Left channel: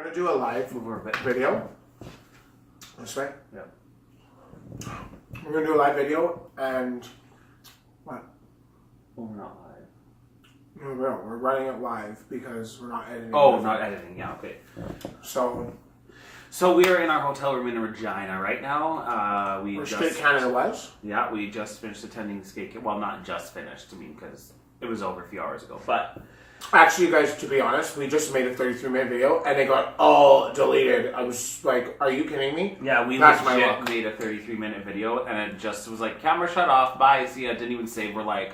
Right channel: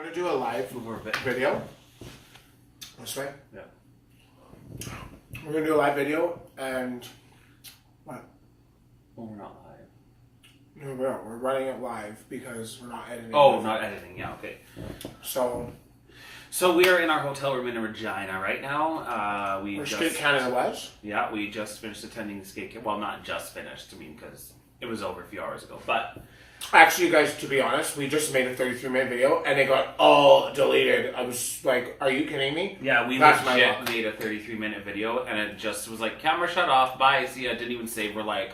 We're gonna do a live video. This way? Yeah. We're gonna do a live video and what? Well, we're not live. No, we're running it live because we're not editing. Oh, not editing. Yeah, okay. So we are in our hotel room in Regina right now. We're Skate Canada West. Yeah, we just finished attending Skate. Well, not just finished. I mean, because it was over a few hours ago. But actually, you guys, to be honest, we just made a 33-minute video and it got all deleted. I was like, "Are you kidding me?" Yeah, we legit made a 33-minute video and it just was like, "Camera shut off. Bye. See ya." Didn't even save. We're like,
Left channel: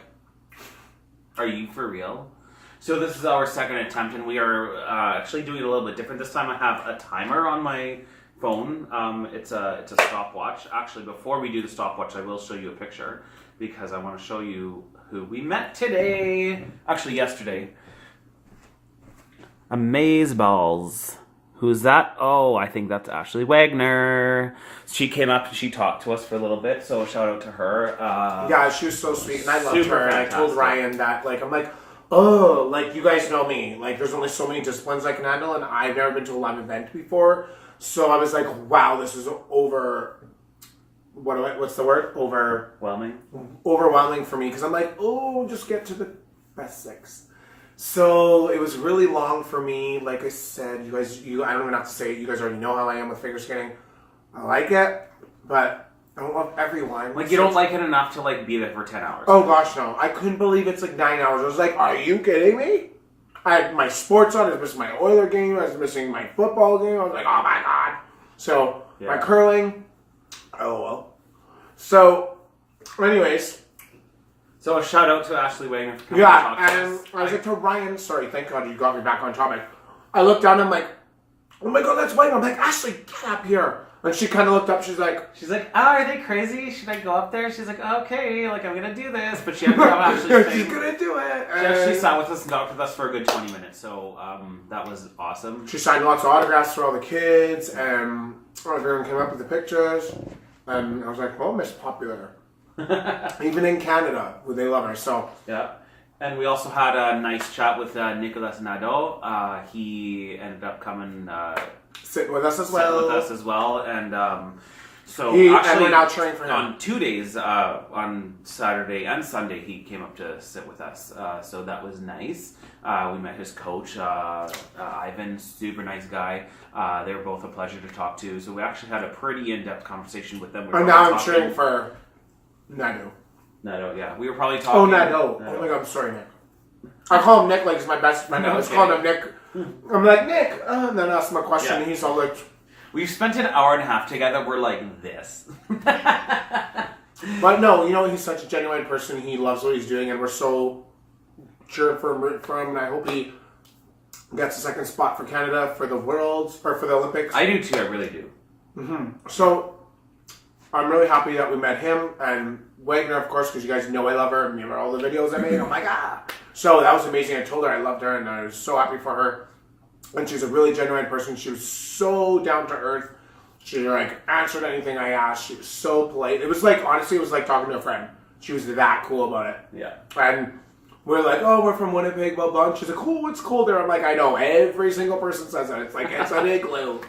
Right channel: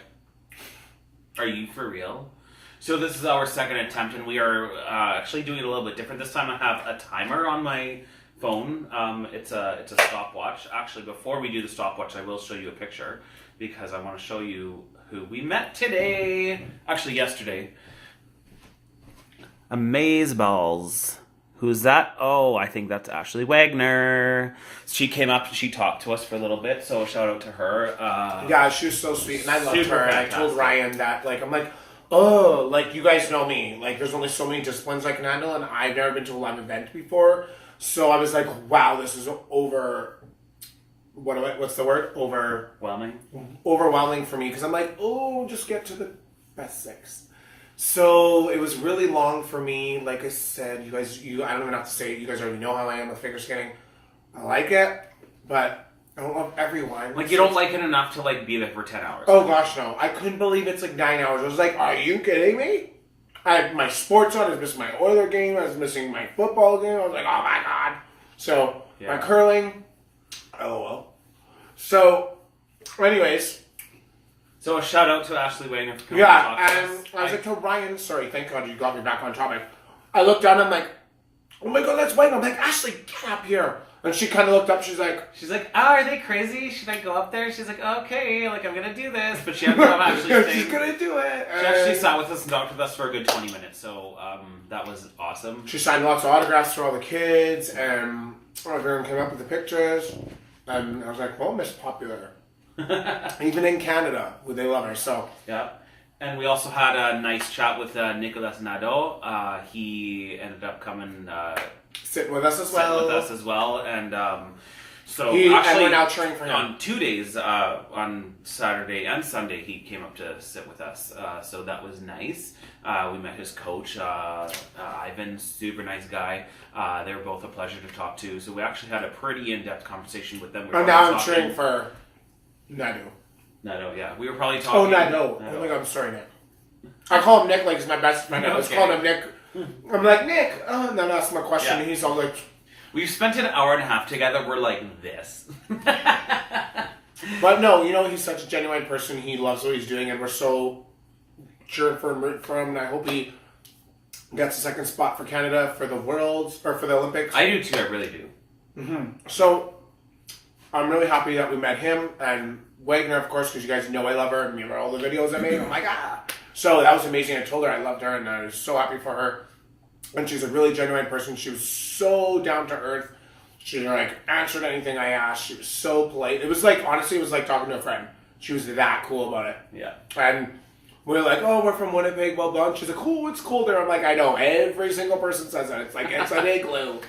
"Are you for real?" So this is our second attempt, and we are actually doing it a little bit different. This time I have a timer on my phone. It's a stopwatch. Actually, before we do the stopwatch, I will show you a picture because I want to show you who we met today. Actually, yesterday. Amazeballs. Who's that? Oh, I think that's Ashley Wagner. She came up and she talked to us for a little bit, so shout out to her. Yeah, she was so sweet, and I loved her. And I told fantastic. Ryan that, like, I'm like, oh, like, you guys know me. Like, there's only so many disciplines I can handle, and I've never been to a live event before. So I was like, wow, this is what's the word? Overwhelming for me, because I'm like, oh, just get to the basics. So it was really long for me. Like I said, I don't even have to say it. You guys already know how I am with figure skating. I like it, but I don't love everyone. Like, you don't like it enough to, like, be there for 10 hours. Oh, gosh, no. I couldn't believe it's, like, 9 hours. I was like, are you kidding me? I had my sports on. I was missing my Oiler game. I was missing my football game. I was like, oh, my God. So, my curling. Oh, well. So, anyways. So, a shout out to Ashley Wagner for coming to talk to us. And I was like to Ryan, sorry, thank God you got me back on topic. I looked down and I'm like, oh, my God, that's Wagner. I'm like, Ashley, get up here. And she kind of looked up. She's like, oh, are they crazy? Should I go up there? She's like, okay, like, I'm going to do this. But she ended up actually she's going to do it. She actually sat with us and talked with us for a good 20 minutes. So that was awesome. She signed lots of autographs for all the kids. And everyone came up with the pictures. And I was like, well, Miss Popular. Even in Canada, they love her. So yeah. And we also had a nice chat with Nicolas Nadeau. He ended up coming... Sitting with us as well. And so and actually, we're now cheering for him. On 2 days, on Saturday and Sunday, he came up to sit with us. So that was nice. We met his coach, Ivan, super nice guy. They were both a pleasure to talk to. So we actually had a pretty in-depth conversation with them. And now I'm cheering for Nadeau. Nadeau, yeah. We were probably talking... Oh, Nadeau. Oh my God, I'm sorry, Nick. I call him Nick like he's my best friend. I was calling him Nick. I'm like, Nick. And then I asked him a question, and he's all like... We've spent an hour and a half together. We're like this. But no, you know, he's such a genuine person. He loves what he's doing, and we're so cheering for him. And I hope he gets a second spot for Canada for the Worlds, or for the Olympics. I do too, I really do. Mm-hmm. So, I'm really happy that we met him, and Wagner, of course, because you guys know I love her. Remember all the videos I made? I'm like, ah. So that was amazing. I told her I loved her, and I was so happy for her. And she's a really genuine person. She was so down to earth. She, like, answered anything I asked. She was so polite. It was like, honestly, it was like talking to a friend. She was that cool about it. Yeah. And we're like, oh, we're from Winnipeg, blah, blah. And she's like, oh, it's cold there. I'm like, I know. Every single person says that. It's like, it's an igloo.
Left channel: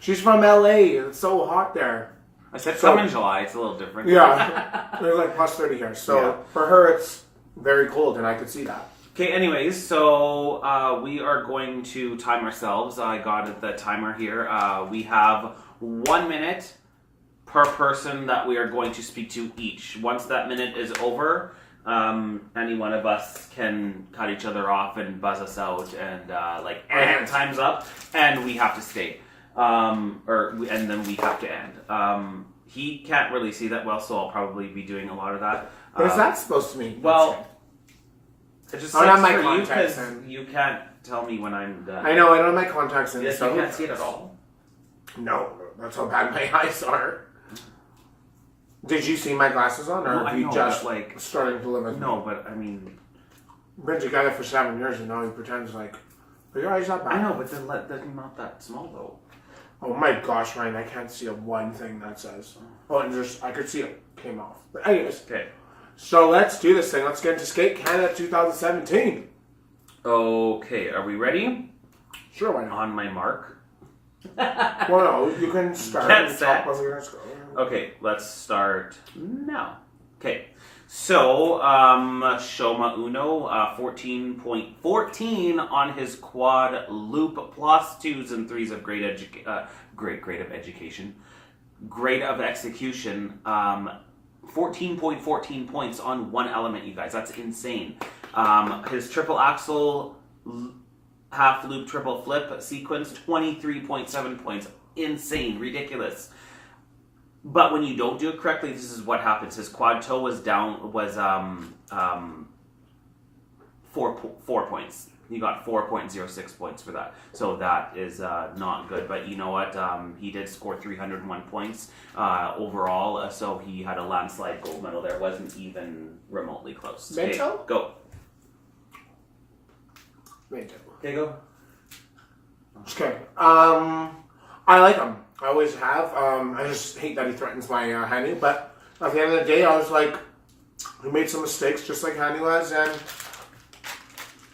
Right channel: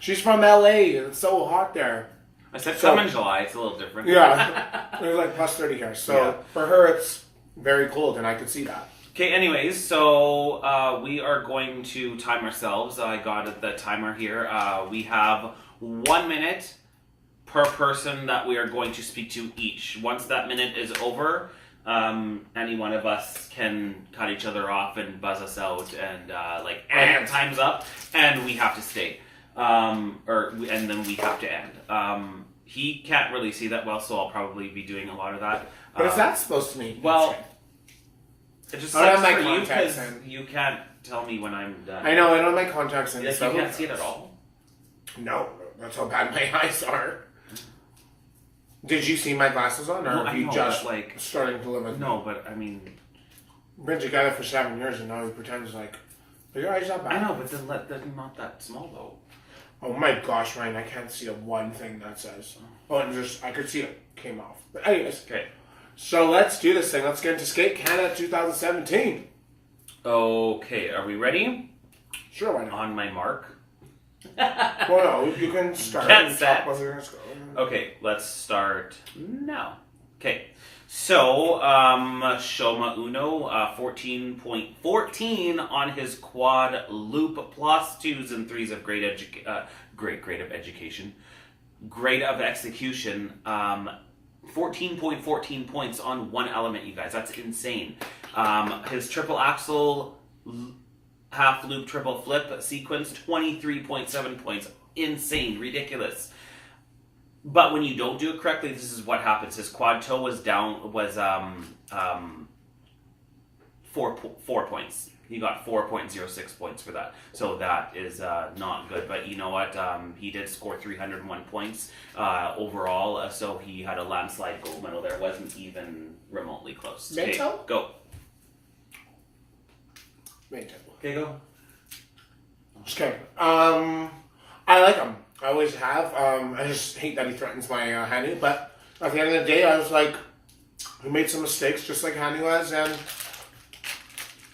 She's from LA. It's so hot there. I said some in July. It's a little different. Yeah. It was like plus 30 here. So for her, it's very cold, and I could see that. Okay, anyways, so we are going to time ourselves. I got the timer here. We have 1 minute per person that we are going to speak to each. Once that minute is over, any one of us can cut each other off and buzz us out and time's up, and we have to stay. And then we have to end. He can't really see that well, so I'll probably be doing a lot of that. What is that supposed to mean? Well, it just I don't have sucks my for you contacts because you can't tell me when I'm done. I know, I don't have my contacts in. Yes, so you can't see it at all. No, that's how bad my eyes are. Did you see my glasses on, or have you just starting to live with me? No, but I mean... We've been together for 7 years, and now he pretends like, but your eyes not bad. I know, but then they're not that small, though. Oh my gosh, Ryan, I can't see a one thing that says. Oh, and just, I could see it came off. But anyways. Okay. So let's do this thing. Let's get into Skate Canada 2017. Okay, are we ready? Sure, why not? On my mark. Well, no, you can start Get and set. talk while we're gonna go. Okay, let's start now. Okay, so Shoma Uno, 14.14 on his quad loop, plus 2s and 3s of great grade of education, grade of execution. 14.14 points on one element, you guys. That's insane. His triple axel, half loop, triple flip sequence, 23.7 points. Insane, ridiculous. But when you don't do it correctly, this is what happens. His quad toe was 4 points. He got 4.06 points for that. So that is not good. But you know what? He did score 301 points overall. So he had a landslide gold medal there. Wasn't even remotely close. Okay, Mento? go. Mento. Okay, go. Just kidding. I like him. I always have. I just hate that he threatens my Hanu. But at the end of the day, I was like, he made some mistakes, just like Hanu has, and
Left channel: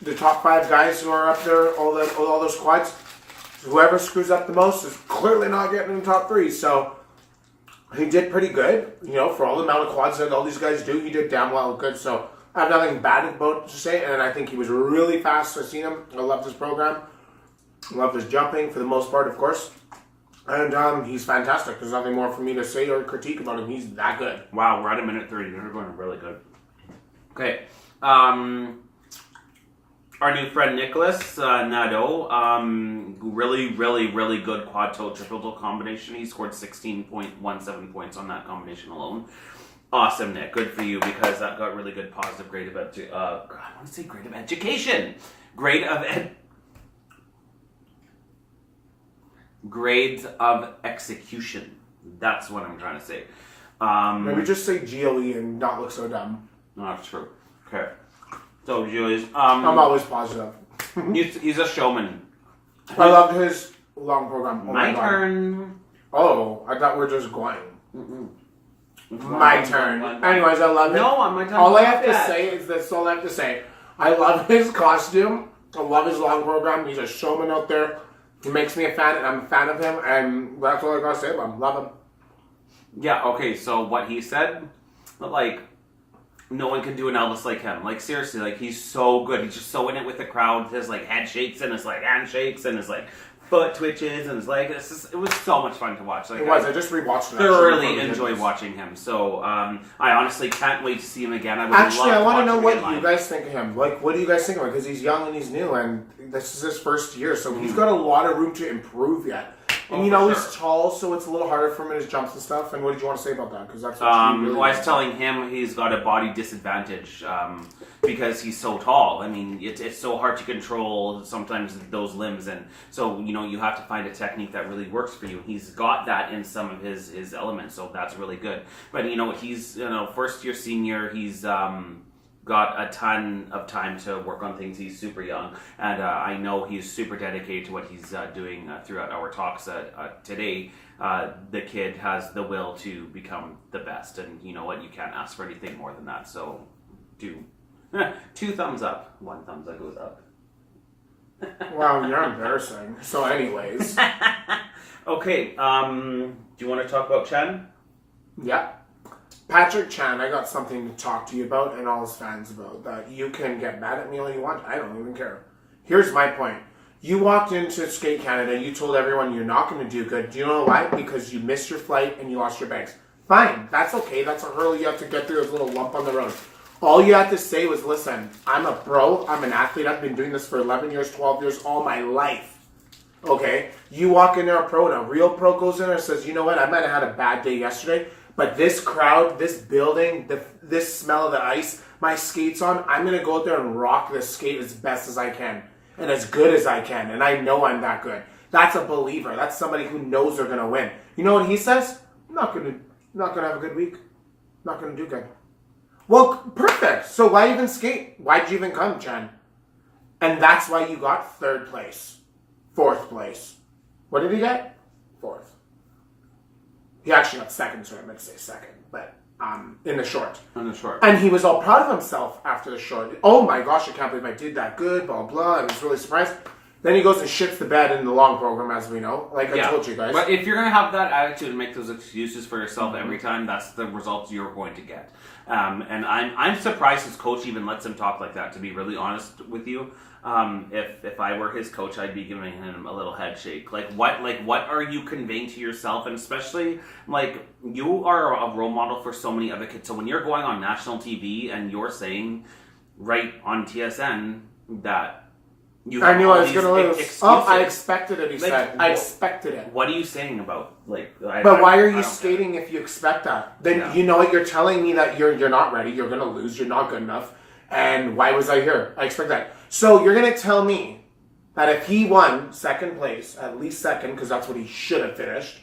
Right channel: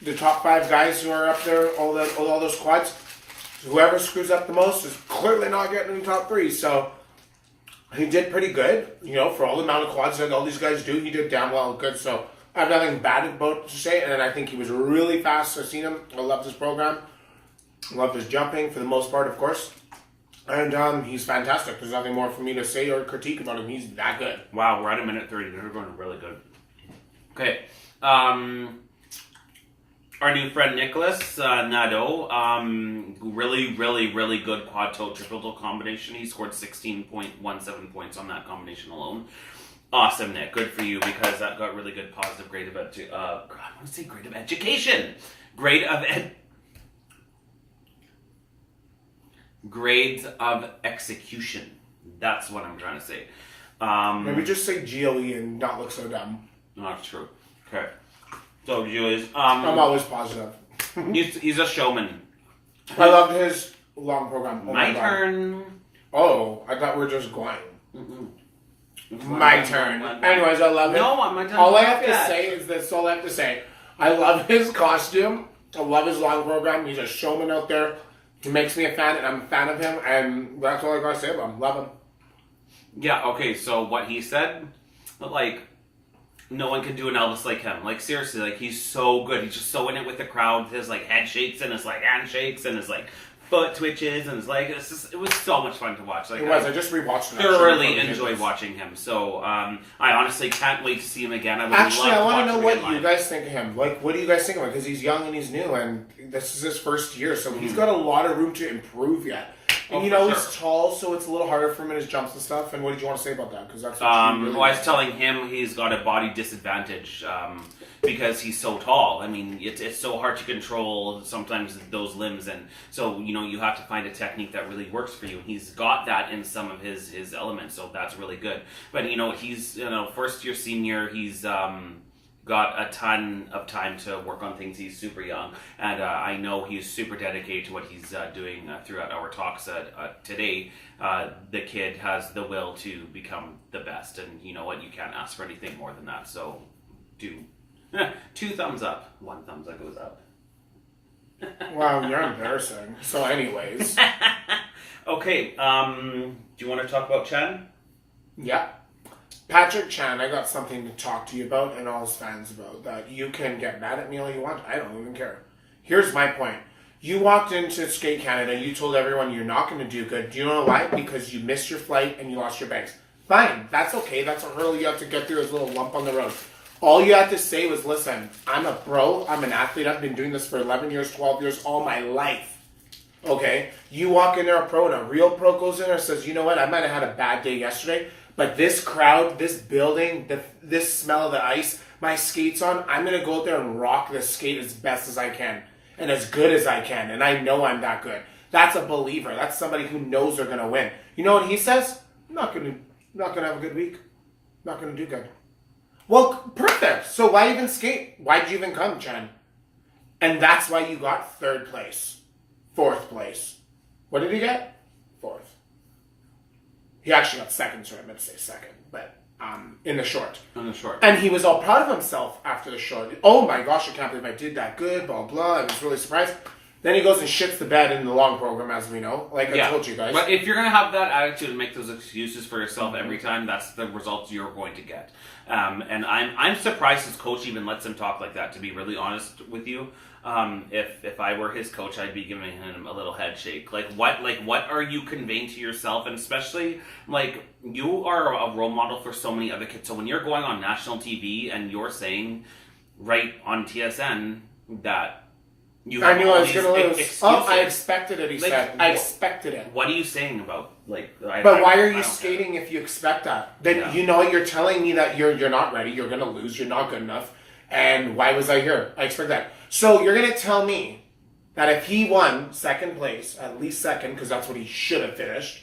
the top 5 guys who are up there, all those quads, whoever screws up the most is clearly not getting in the top 3. So he did pretty good, for all the amount of quads that all these guys do. He did damn well good. So I have nothing bad about to say, and I think he was really fast. I've seen him. I loved his program. Loved his jumping for the most part, of course. And he's fantastic. There's nothing more for me to say or critique about him. He's that good. Wow, we're at a minute 30. They're going really good. Okay. Our new friend Nicholas Nadeau, really, really, really good quad toe triple toe combination. He scored 16.17 points on that combination alone. Awesome, Nick. Good for you, because that got really good positive grade of I want to say grade of education. Grades of execution. That's what I'm trying to say. Maybe just say GLE and not look so dumb. Not true. Okay. So, Julius, I'm always positive. he's a showman. I loved his long program. Oh my God. turn. Oh, I thought we were just going. Mm-mm. My turn. Anyways, I love it. No, on my turn. All I have to say is that's all I have to say. I love his costume. I love his long program. He's a showman out there. He makes me a fan, and I'm a fan of him. And that's all I gotta say about him. Love him. Yeah. Okay. So what he said, no one can do an Elvis like him. Like, seriously, he's so good. He's just so in it with the crowd. His head shakes and his handshakes and his foot twitches and his it was so much fun to watch. It was. I just rewatched it. Thoroughly enjoyed watching him. So I honestly can't wait to see him again. I want to know what you guys think of him. What do you guys think of him? Because he's young and he's new, and this is his first year, so he's got a lot of room to improve yet. And he's tall, so it's a little harder for him in his jumps and stuff. And what did you want to say about that? Because that's what I was telling him he's got a body disadvantage because he's so tall. I mean, it's so hard to control sometimes those limbs, and so you have to find a technique that really works for you. He's got that in some of his elements, so that's really good. But he's first year senior. He's got a ton of time to work on things. He's super young, and I know he's super dedicated to what he's doing throughout our talks today. The kid has the will to become the best, and you know what? You can't ask for anything more than that. So, 2 thumbs up, 1 thumbs that goes up. Wow, you're embarrassing. So, anyways. Okay, do you want to talk about Chen? Yeah. Patrick Chan, I got something to talk to you about and all his fans about. That you can get mad at me all you want. I don't even care. Here's my point. You walked into Skate Canada and you told everyone you're not going to do good. Do you know why? Because you missed your flight and you lost your bags. Fine. That's okay. That's a hurdle you have to get through, this little lump on the road. All you had to say was, listen, I'm a pro. I'm an athlete. I've been doing this for 11 years, 12 years, all my life. Okay? You walk in there a pro and a real pro goes in there and says, you know what? I might have had a bad day yesterday, but this crowd, this building, this smell of the ice, my skates on, I'm going to go out there and rock this skate as best as I can and as good as I can. And I know I'm that good. That's a believer. That's somebody who knows they're going to win. You know what he says? I'm not going to have a good week. Not going to do good. Well, perfect. So why even skate? Why'd you even come, Chen? And that's why you got 3rd place. 4th place. What did he get? 4th. He actually got 2nd, so I meant to say 2nd, but in the short. In the short. And he was all proud of himself after the short. Oh my gosh, I can't believe I did that good, blah, blah. I was really surprised. Then he goes and shits the bed in the long program, as we know. Like I told you guys. But if you're going to have that attitude and make those excuses for yourself every time, that's the results you're going to get. And I'm surprised his coach even lets him talk like that, to be really honest with you. If I were his coach, I'd be giving him a little head shake. Like what are you conveying to yourself? And especially, like, you are a role model for so many other kids. So when you're going on national TV and you're saying right on TSN that I knew I was going to lose. I expected it, he said. I expected it. What are you saying about, like... But why are you skating if you expect that? Then you know what, you're telling me that you're not ready, you're going to lose, you're not good enough, and why was I here? I expect that. So you're going to tell me that if he won second place, at least second, because that's what he should have finished,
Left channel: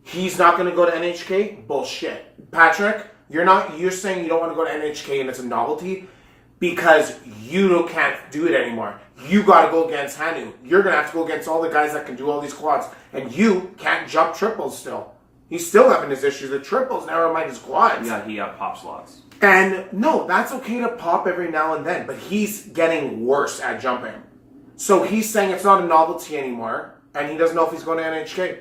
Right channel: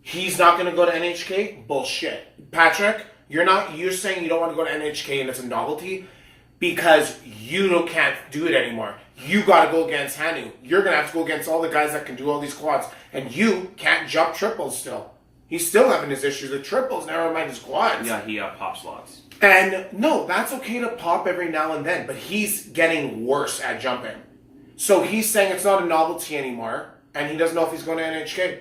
he's not going to go to NHK? Bullshit. Patrick, you're saying you don't want to go to NHK and it's a novelty because you can't do it anymore. You got to go against Hanu. You're going to have to go against all the guys that can do all these quads. And you can't jump triples still. He's still having his issues with triples, never mind his quads. Yeah, he pops lots. And no, that's okay to pop every now and then, but he's getting worse at jumping. So he's saying it's not a novelty anymore, and he doesn't know if he's going to NHK.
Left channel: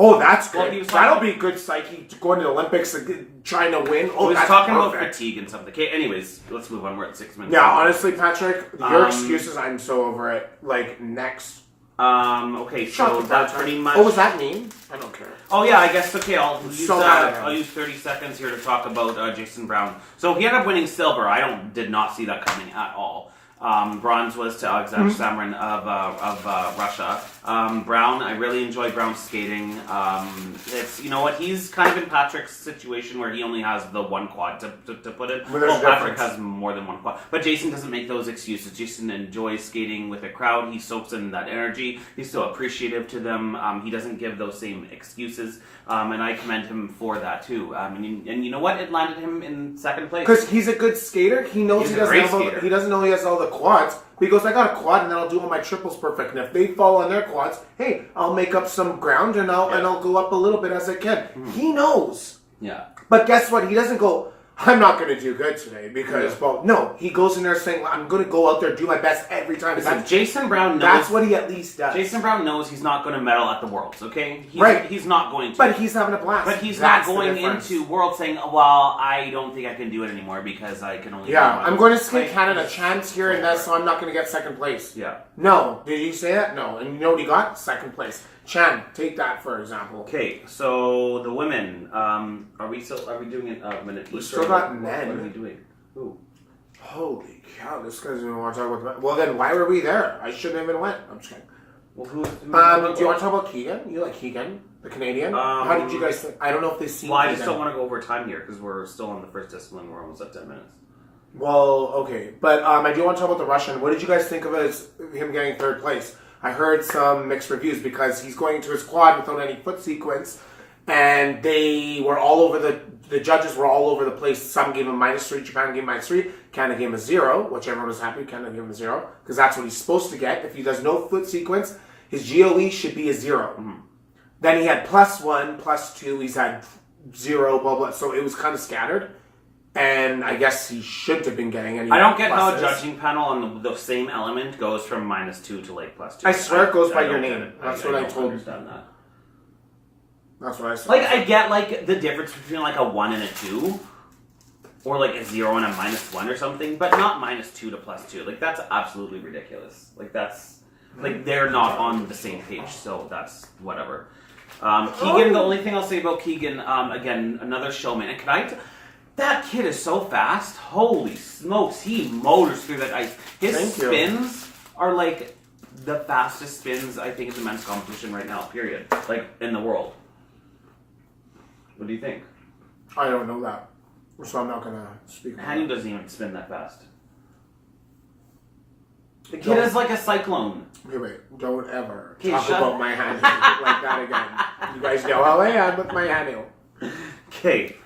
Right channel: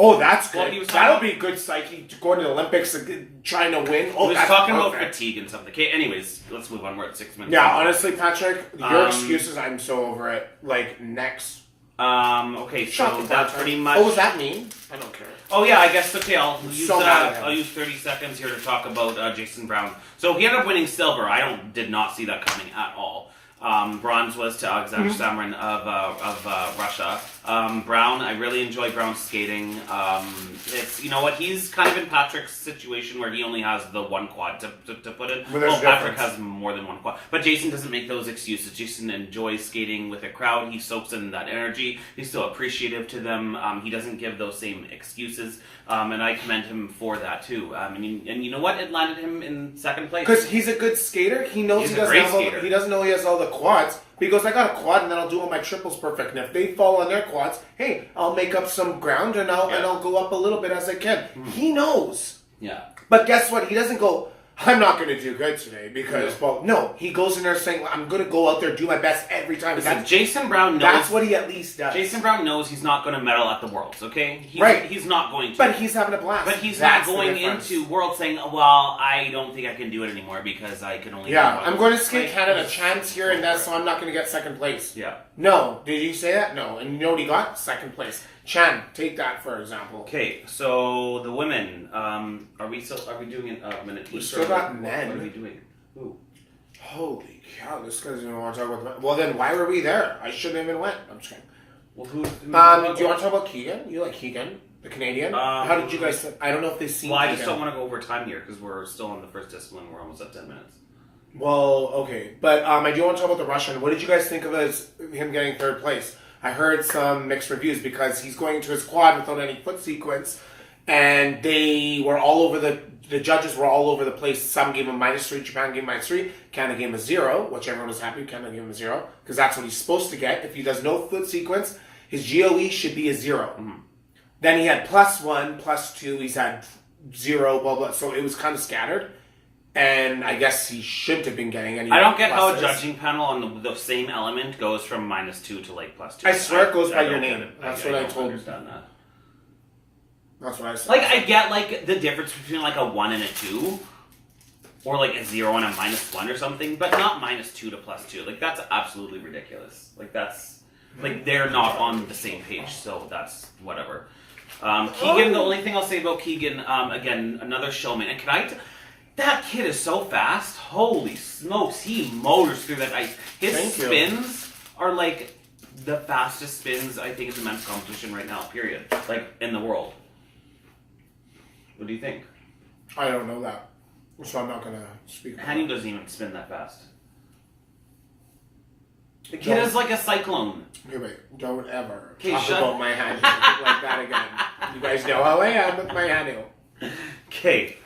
Oh, that's good. Well, that'll be good psyche to go into the Olympics trying to win. Oh, he was that's talking perfect. about fatigue and something. Okay, anyways, let's move on. We're at 6 minutes. Yeah, honestly, Patrick, your excuses, I'm so over it. Like, next. Okay, so that's pretty much... Oh, was that mean? I don't care. Oh, yeah, I guess, okay, I'll I'll use 30 seconds here to talk about Jason Brown. So he ended up winning silver. I did not see that coming at all. Bronze was to Alexander Samarin of Russia. Brown, I really enjoy Brown's skating. It's, you know what, he's kind of in Patrick's situation where he only has the one quad to put it. Well, Patrick has more than one quad. But Jason doesn't make those excuses. Jason enjoys skating with a crowd. He soaks in that energy. He's still appreciative to them. He doesn't give those same excuses. And I commend him for that too. And you know what? It landed him in second place. Because he's a good skater. He knows he doesn't know he has all the quads. But he goes, I got a quad and then I'll do all my triples perfect. And if they fall on their quads, hey, I'll make up some ground and I'll go up a little bit as I can. He knows. Yeah. But guess what? He doesn't go, I'm not going to do good today because, well, no. He goes in there saying, I'm going to go out there and do my best every time. Listen, Jason Brown knows... That's what he at least does. Jason Brown knows he's not going to medal at the Worlds, okay? He's not going to. But he's having a blast. But he's not going into Worlds saying, well, I don't think I can do it anymore because I can only... Yeah, I'm going to skate Canada chance here and there, so I'm not going to get second place. Yeah. No. Did he say that? No. And you know what he got? Second place. Chan, take that for example. Okay, so the women, are we doing it a minute? We still got men. What are we doing? Who? Holy cow, this guy doesn't want to talk about the men. Well then, why were we there? I shouldn't have even went. I'm just kidding. Well, who do you want to talk about Keegan? You like Keegan, the Canadian? How did you guys think? I don't know if they've seen Well, I just don't want to go over time here because we're still on the first discipline. We're almost at 10 minutes. Well, okay. But I do want to talk about the Russian. What did you guys think of him getting third place? I heard some mixed reviews because he's going into his quad without any foot sequence, and they were all over the judges were all over the place. Some gave him -3, Japan gave him -3, Canada gave him a 0, which everyone was happy. Canada gave him a 0 because that's what he's supposed to get. If he does no foot sequence, his GOE should be a 0. Then he had +1, +2. He's had 0, blah blah. So it was kind of scattered. And I guess he shouldn't have been getting any. I don't get how a judging panel on the same element goes from -2 to like +2. I swear it goes by your name. That's what I told you. That's what I said. Like, I get like the difference between like a 1 and a 2, or like a 0 and a -1 or something, but not -2 to +2. Like, that's absolutely ridiculous. Like, that's like they're not on the same page. So that's whatever. Keegan. The only thing I'll say about Keegan, again, another showman. And can I? That kid is so fast. Holy smokes. He motors through that ice. His spins are like the fastest spins, I think, in the men's competition right now, period. Like, in the world. What do you think? I don't know that. So I'm not going to speak about Hanu doesn't even spin that fast. The kid is like a cyclone. Okay, wait. Don't ever talk about my Hanu like that again. You guys know how I am with my Hanu. Okay.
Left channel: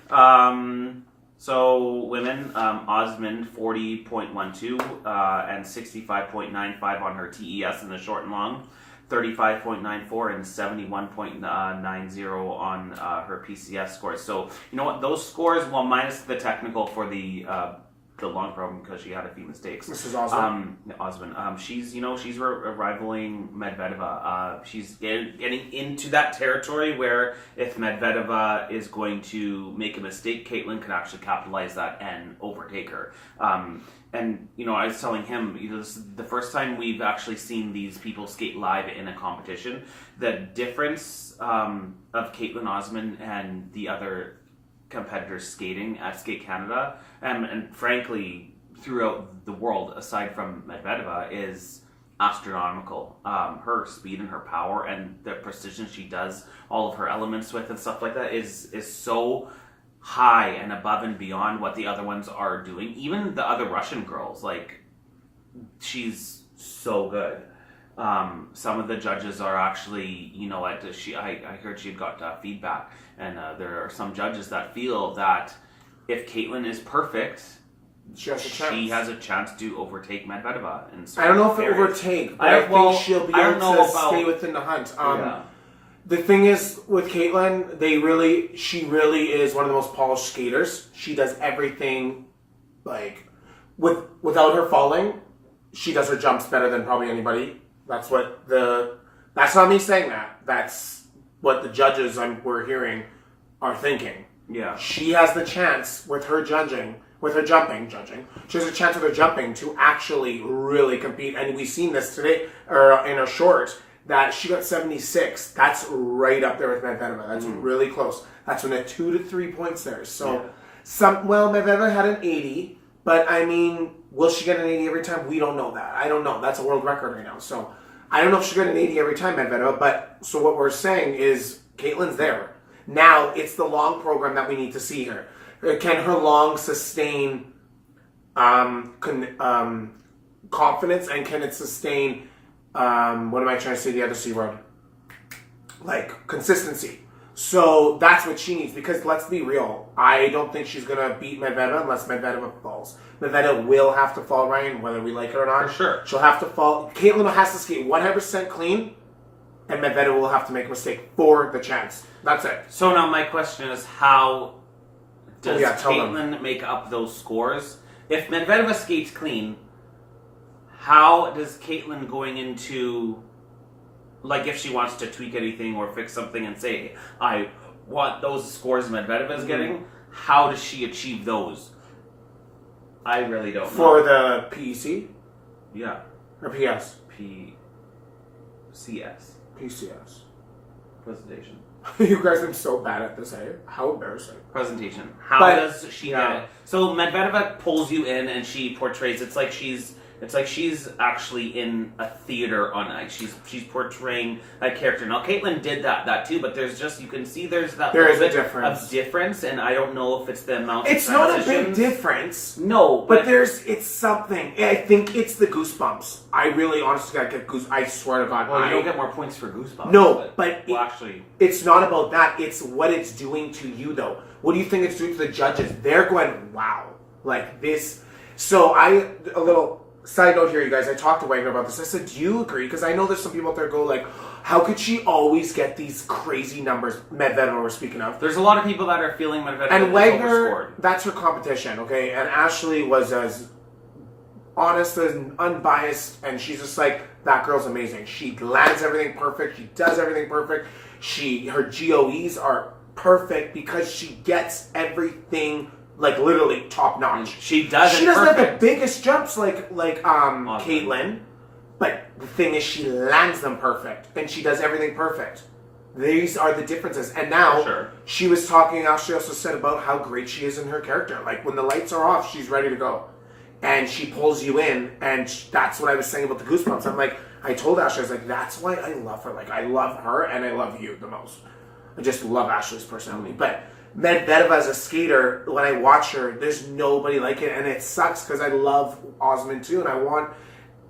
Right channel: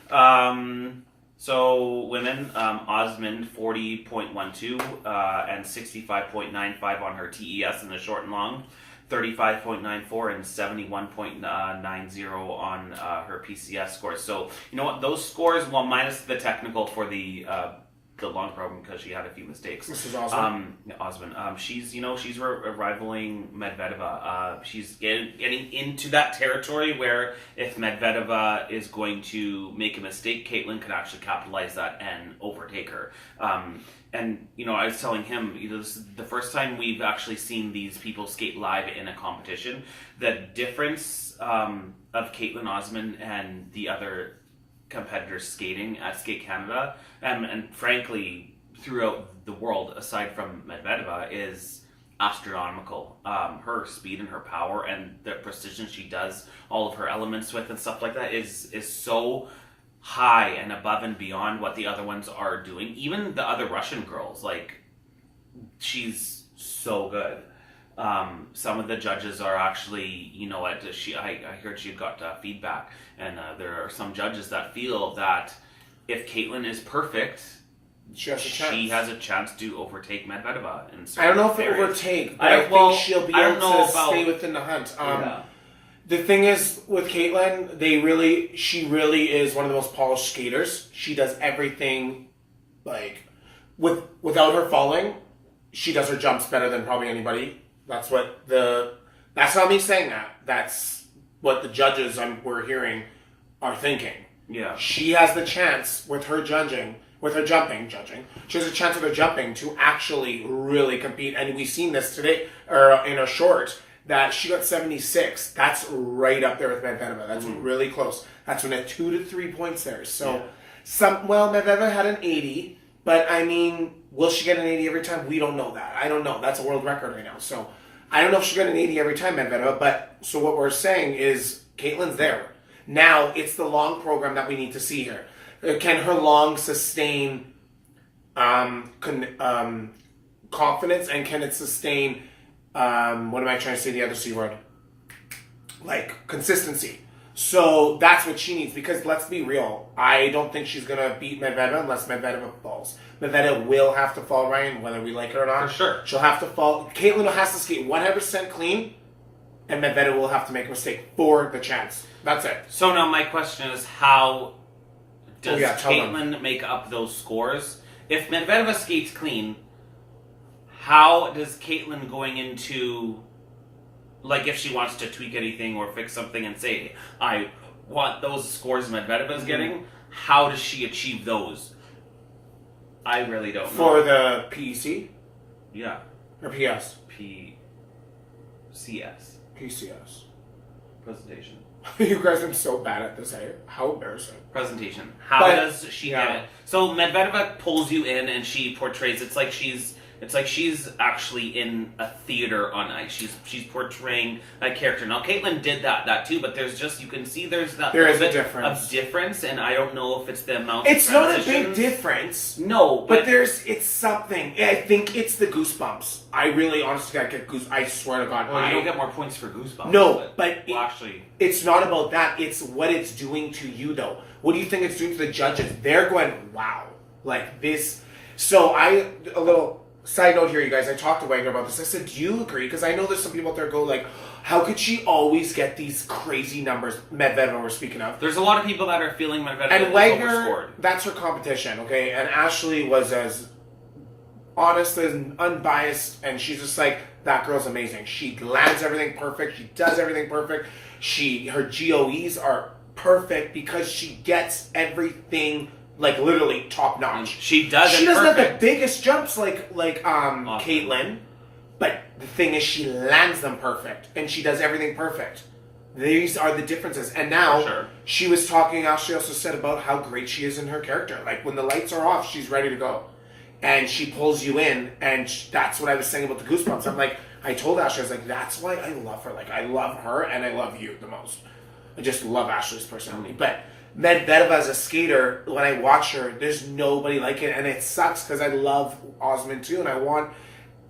So women, Osmond 40.12 and 65.95 on her TES in the short and long, 35.94 and 71.90 on her PCS scores. So you know what? Those scores, well, minus the technical for the the long program because she had a few mistakes. Mrs. Osmond. Osmond. She's rivaling Medvedeva. She's getting into that territory where if Medvedeva is going to make a mistake, Caitlin can actually capitalize that and overtake her. And I was telling him, this is the first time we've actually seen these people skate live in a competition. The difference of Caitlin Osmond and the other competitors skating at Skate Canada, and frankly throughout the world, aside from Medvedeva, is astronomical. Her speed and her power and the precision she does all of her elements with and stuff like that is so high and above and beyond what the other ones are doing. Even the other Russian girls, like, she's so good. Some of the judges are actually, I heard she had got feedback, and there are some judges that feel that if Caitlin is perfect, she has a chance to overtake Medvedeva. I don't know if it overtake, but I think she'll be able to stay within the hunt. The thing is with Caitlin, she really is one of the most polished skaters. She does everything, like, without her falling, she does her jumps better than probably anybody. That's not me saying that. That's what the judges we're hearing are thinking. Yeah. She has the chance with her jumping, she has a chance with her jumping to actually really compete. And we've seen this today, or in a short, that she got 76. That's right up there with Medvedeva. That's really close. That's when at 2 to 3 points there. So, Medvedeva had an 80, but I mean, will she get an 80 every time? We don't know that. I don't know. That's a world record right now. So, I don't know if she'll get an 80 every time, Medvedeva, but so what we're saying is Caitlin's there. Now, it's the long program that we need to see here. Can her long sustain confidence, and can it sustain what am I trying to say? The other C word, like consistency. So that's what she needs, because let's be real. I don't think she's gonna beat Medvedeva unless Medvedeva falls. Medvedeva will have to fall, Ryan, whether we like it or not. For sure, she'll have to fall. Caitlin has to skate 100% clean, and Medvedeva will have to make a mistake for the chance. That's it. So now my question is, how does Caitlin make up those scores? If Medvedeva skates clean, how does Caitlin going into, like, if she wants to tweak anything or fix something and say, I want those scores Medvedeva is getting, how does she achieve those? I really don't know. For the PEC? Yeah. Or PS? PCS. PCS. Presentation. You guys are so bad at this, eh? How embarrassing. Presentation. How does she get it? So Medvedeva pulls you in and she portrays, it's like she's actually in a theater on ice. She's portraying a character. Now Caitlin did that too, but there's just, you can see there's that there is a difference, and I don't know if it's the amount. It's not a big difference. No, but it's something. I think it's the goosebumps. I really honestly gotta get goose. I swear to God. Well, you don't get more points for goosebumps. No, actually, it's not about that. It's what it's doing to you, though. What do you think it's doing to the judges? They're going, wow, like this. So a little side note here, you guys. I talked to Wagner about this. I said, do you agree? Because I know there's some people out there go like, how could she always get these crazy numbers? Medvedeva we're speaking of. There's a lot of people that are feeling Medvedeva and Wagner, that's her competition, okay? And Ashley was as honest and unbiased, and she's just like, that girl's amazing. She lands everything perfect. She does everything perfect. Her GOEs are perfect because she gets everything like literally top notch. She doesn't have the biggest jumps like Caitlin, but the thing is she lands them perfect and she does everything perfect. These are the differences. And now she was talking, Ashley also said about how great she is in her character. Like when the lights are off, she's ready to go. And she pulls you in, and that's what I was saying about the goosebumps. I'm like, I told Ashley, I was like, that's why I love her. Like, I love her, and I love you the most. I just love Ashley's personality. But Medvedeva as a skater, when I watch her, there's nobody like it, and it sucks because I love Osmond too, and I want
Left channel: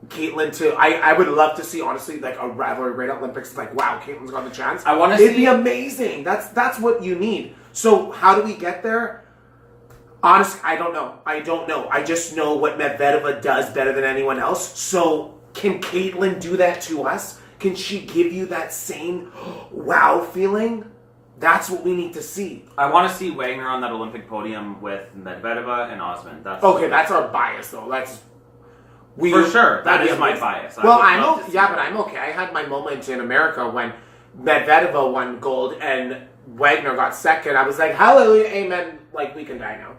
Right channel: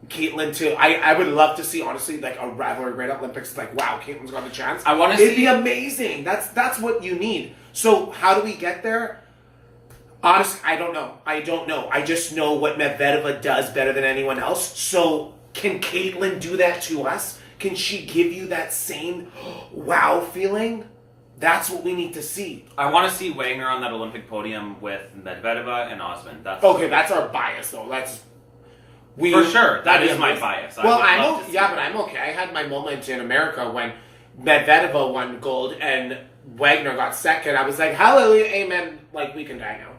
Caitlin to. I would love to see, honestly, like a rivalry right at Olympics. Like, wow, Caitlin's got the chance. I want to see. It'd be amazing. That's what you need. So how do we get there? Honestly, I don't know. I just know what Medvedeva does better than anyone else. So can Caitlin do that to us? Can she give you that same wow feeling? That's what we need to see. I want to see Wagner on that Olympic podium with Medvedeva and Osman. That's Okay, that's our bias, though. for sure. That is my bias. Well, but I'm okay. I had my moment in America when Medvedeva won gold and Wagner got second. I was like, hallelujah, amen. Like, we can die now.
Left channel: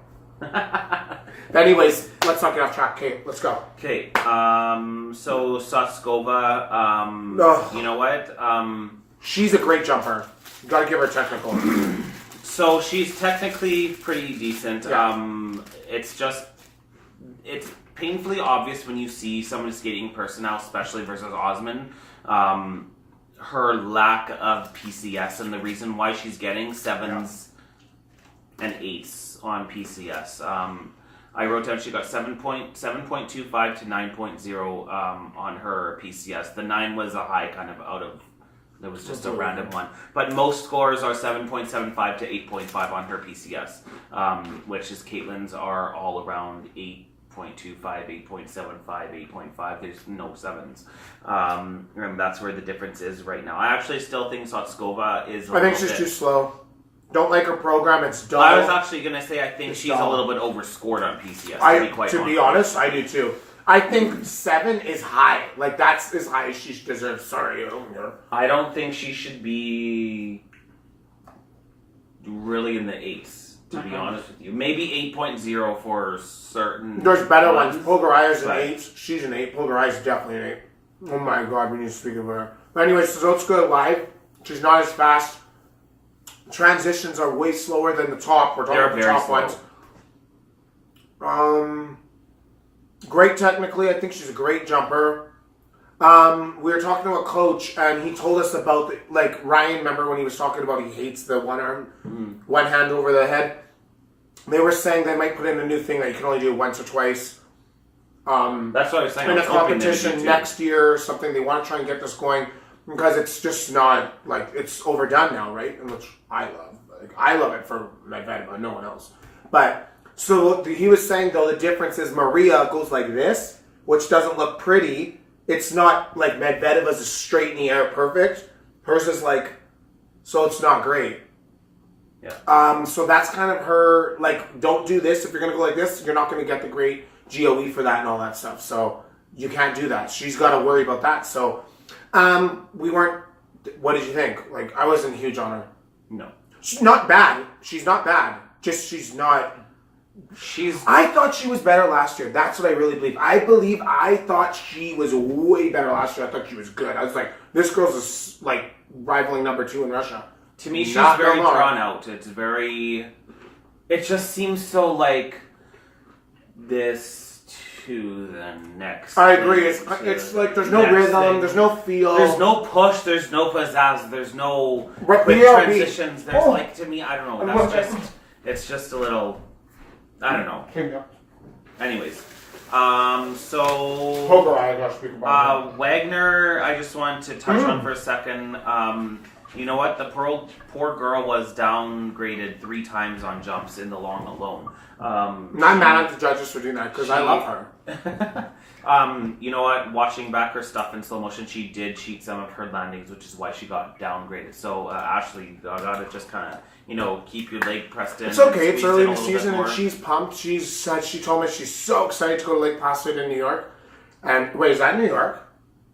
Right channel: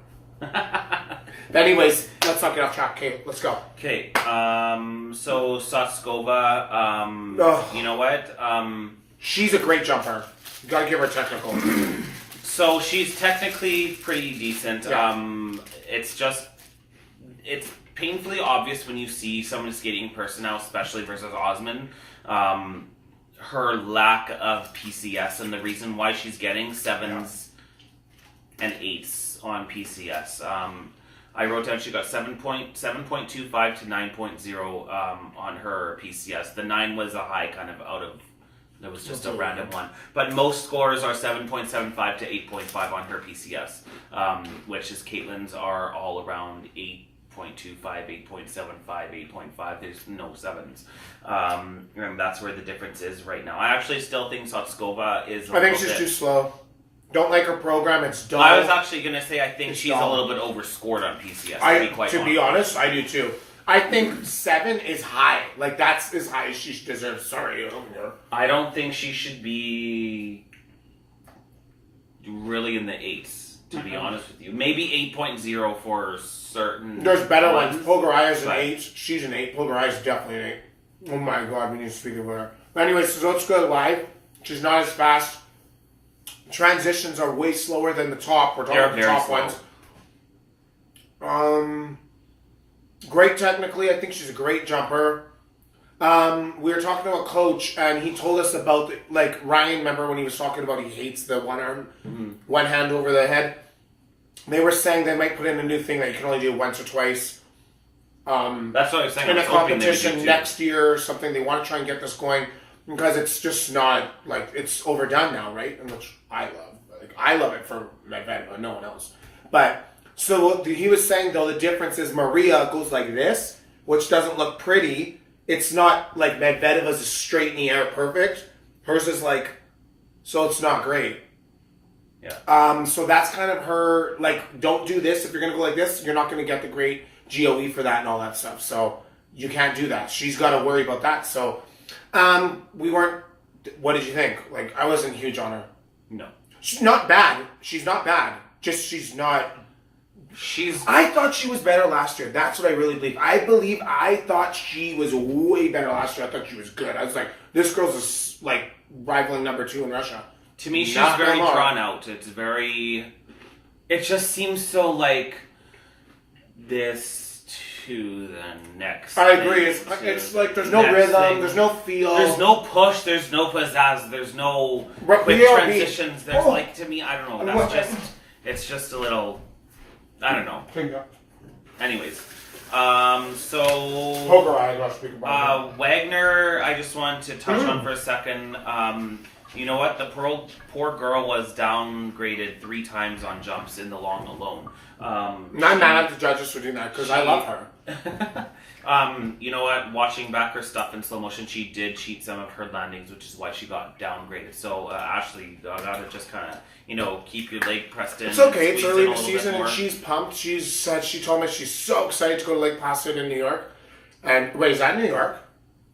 But anyways, let's not get off track. Okay, let's go. Okay, so Soskova, you know what? She's a great jumper. You gotta give her technical. So she's technically pretty decent. Yeah. It's painfully obvious when you see someone skating in person now, especially versus Osman, her lack of PCS and the reason why she's getting 7s and 8s on PCS. I wrote down she got 7.25 to 9.0 on her PCS. The 9 was a high kind of out of, it was just a random one. But most scores are 7.75 to 8.5 on her PCS, which is Caitlin's are all around 8.25, 8.75, 8.5. There's no 7s. And that's where the difference is right now. I actually still think Soskova is I think she's too slow. Don't like her program. It's dull. I was actually going to say I think she's a little bit overscored on PCS, to be honest, I do too. I think 7 is high. Like, that's as high as she deserves. Sorry. I don't think she should be really in the 8s, to be honest with you. Maybe 8.0 for certain. There's better ones. Pogaraya's an 8. She's an 8. Pogaraya's definitely an 8. Oh my god, we need to speak of her. But anyways, Zotska live. She's not as fast. Transitions are way slower than the top. We're talking about the top ones. Great technically. I think she's a great jumper. We were talking to a coach, and he told us about, like, Ryan, remember when he was talking about he hates the one arm, one hand over the head? They were saying they might put in a new thing that you can only do once or twice. That's what I was saying. In a competition next year or something. They want to try and get this going. Because it's just not, like, it's overdone now, right? And which I love. Like, I love it for Medvedeva, no one else. But, so he was saying, though, the difference is Maria goes like this, which doesn't look pretty. It's not like Medvedeva's is straight in the air perfect. Hers is like, so it's not great. Yeah. So that's kind of her, like, don't do this. If you're going to go like this, you're not going to get the great GOE for that and all that stuff. So you can't do that. She's got to worry about that. So... we weren't. What did you think? Like, I wasn't huge on her. No, she's not bad. She's not bad. Just she's not. I thought she was better last year. That's what I really believe. I thought she was way better last year. I thought she was good. I was like, this girl's like rivaling number 2 in Russia. To me, she's very drawn out. It's very. It just seems so like this. To the next. I agree. It's like there's no rhythm, there's no feel. There's no push, there's no pizzazz, there's no quick transitions. There's like, to me, I don't know. It's just a little, I don't know. Anyways, Wagner, I just wanted to touch on for a second. You know what? The poor girl was downgraded 3 times on jumps in the long alone. Not mad at the judges for doing that because I love her. You know what? Watching back her stuff in slow motion, she did cheat some of her landings, which is why she got downgraded. So Ashley, I gotta just kind of, keep your leg pressed in. It's okay. It's early in the season, and she's pumped. She told me she's so excited to go to Lake Placid in New York. And wait, is that in New York?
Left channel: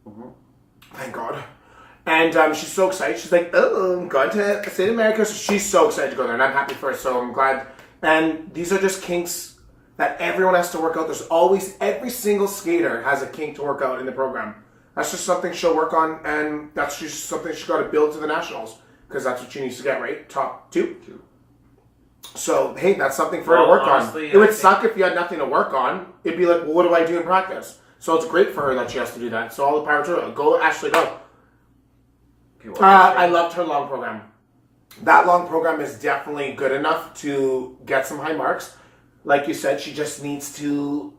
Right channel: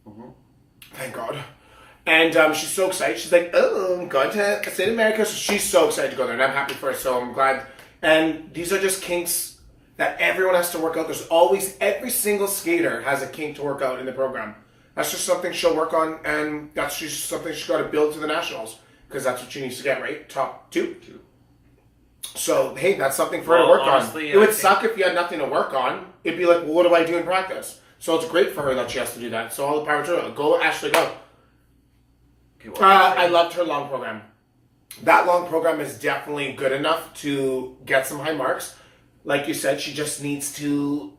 Mm-hmm. Thank God. And she's so excited. She's like, oh, I'm going to State America. So she's so excited to go there, and I'm happy for her. So I'm glad. And these are just kinks that everyone has to work out. There's always, every single skater has a kink to work out in the program. That's just something she'll work on, and that's just something she's got to build to the nationals, because that's what she needs to get, right? Top 2. So, hey, that's something for her to work on. It would suck if you had nothing to work on. It'd be like, well, what do I do in practice? So it's great for her that she has to do that. So all the power to her. Go, Ashley, go. Okay, I loved her long program. That long program is definitely good enough to get some high marks. Like you said, she just needs to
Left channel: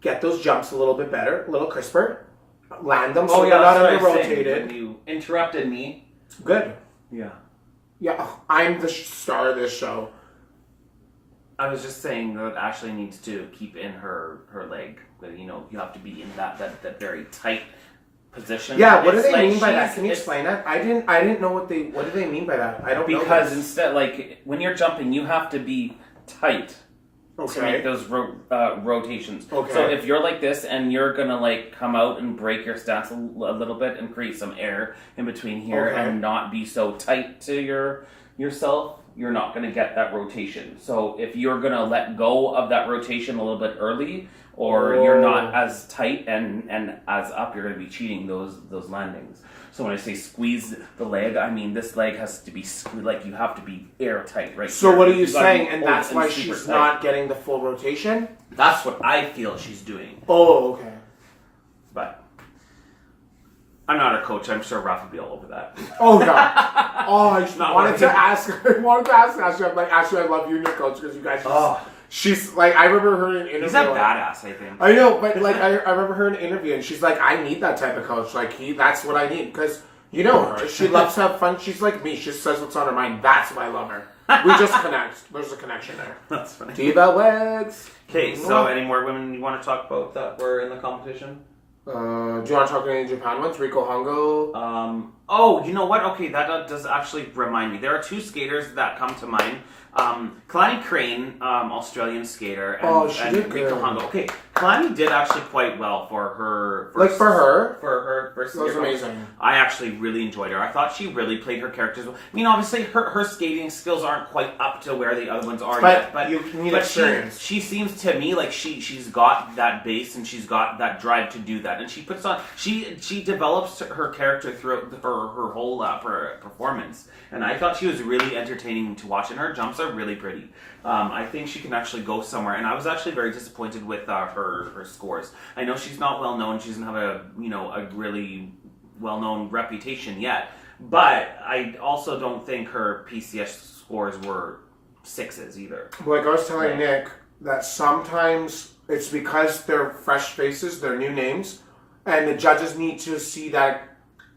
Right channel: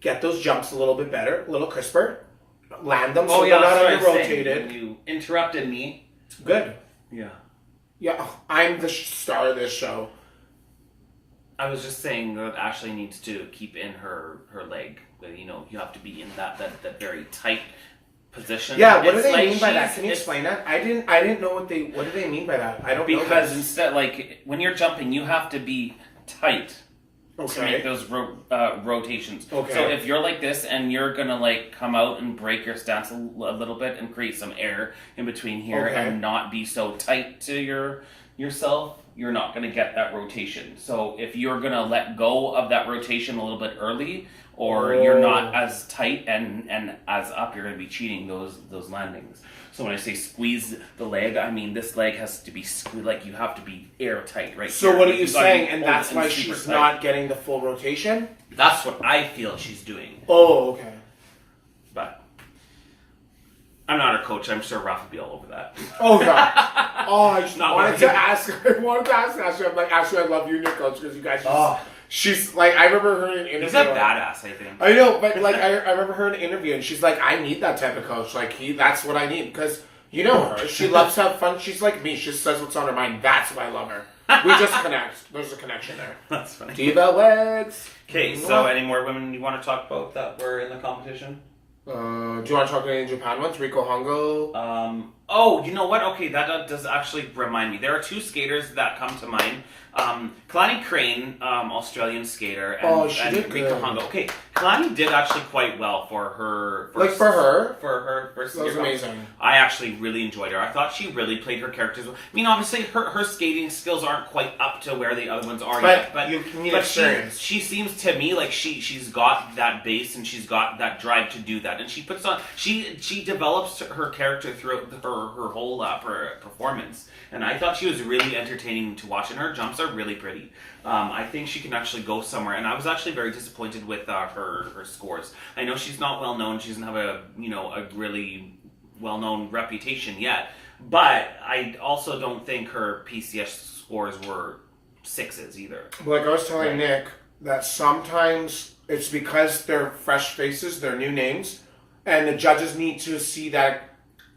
get those jumps a little bit better, a little crisper, land them so they're not under-rotated. You interrupted me. Good. Yeah. Yeah, I'm the star of this show. I was just saying that Ashley needs to keep in her leg. You have to be in that very tight position. Yeah, what do It's they like mean by that? she's- Can you it's- explain that? I didn't know what do they mean by that? I don't know. Because this. instead, like when you're jumping, you have to be tight to make those rotations. Okay. So if you're like this and you're gonna like come out and break your stance a little bit and create some air in between here Okay. and not be so tight to yourself, you're not gonna get that rotation. So if you're gonna let go of that rotation a little bit early, or you're not as tight and as up, you're gonna be cheating those landings. So when I say squeeze the leg, I mean this leg has to be like you have to be airtight, right? So here. what are Like, you gotta be saying? And open that's why super she's tight. not getting the full rotation? That's what I feel she's doing. Oh, okay. But I'm not a coach. I'm sure Ralph would be all over that. Oh yeah. Oh, I just Not wanted worried. to ask. I wanted to ask Ashley. I'm like, Ashley, I love you and your coach because you guys. Just, Oh. She's like, I remember her in an interview. He's a badass, I think. I know, but like, I remember her in an interview, and she's like, I need that type of coach. Like, that's what I need because you know her. She loves to have fun. She's like me. She just says what's on her mind. That's why I love her. We just connect. There's a connection there. That's funny. Diva legs. Okay, so any more women you want to talk about that were in the competition? Do you want to talk any Japan ones? Riko Hongo. Oh, you know what? Okay, that does actually remind me. There are two skaters that come to mind. Kalani Crane, Australian skater, and, she and did Rika good. Hongo. Okay, Kalani did actually quite well for her. Like for her, For her first that was year. amazing. I actually really enjoyed her. I thought she really played her characters well. I mean, obviously, her skating skills aren't quite up to where the other ones are yet. But you need but experience. she seems to me like she's got that base and she's got that drive to do that. And she puts on, she develops her character throughout her whole performance. And I thought she was really entertaining to watch. And her jumps are really pretty. I think she can actually go somewhere, and I was actually very disappointed with her scores. I know she's not well known; she doesn't have a really well known reputation yet. But I also don't think her PCS scores were 6s either. Like I was telling Nick, that sometimes it's because they're fresh faces, they're new names, and the judges need to see that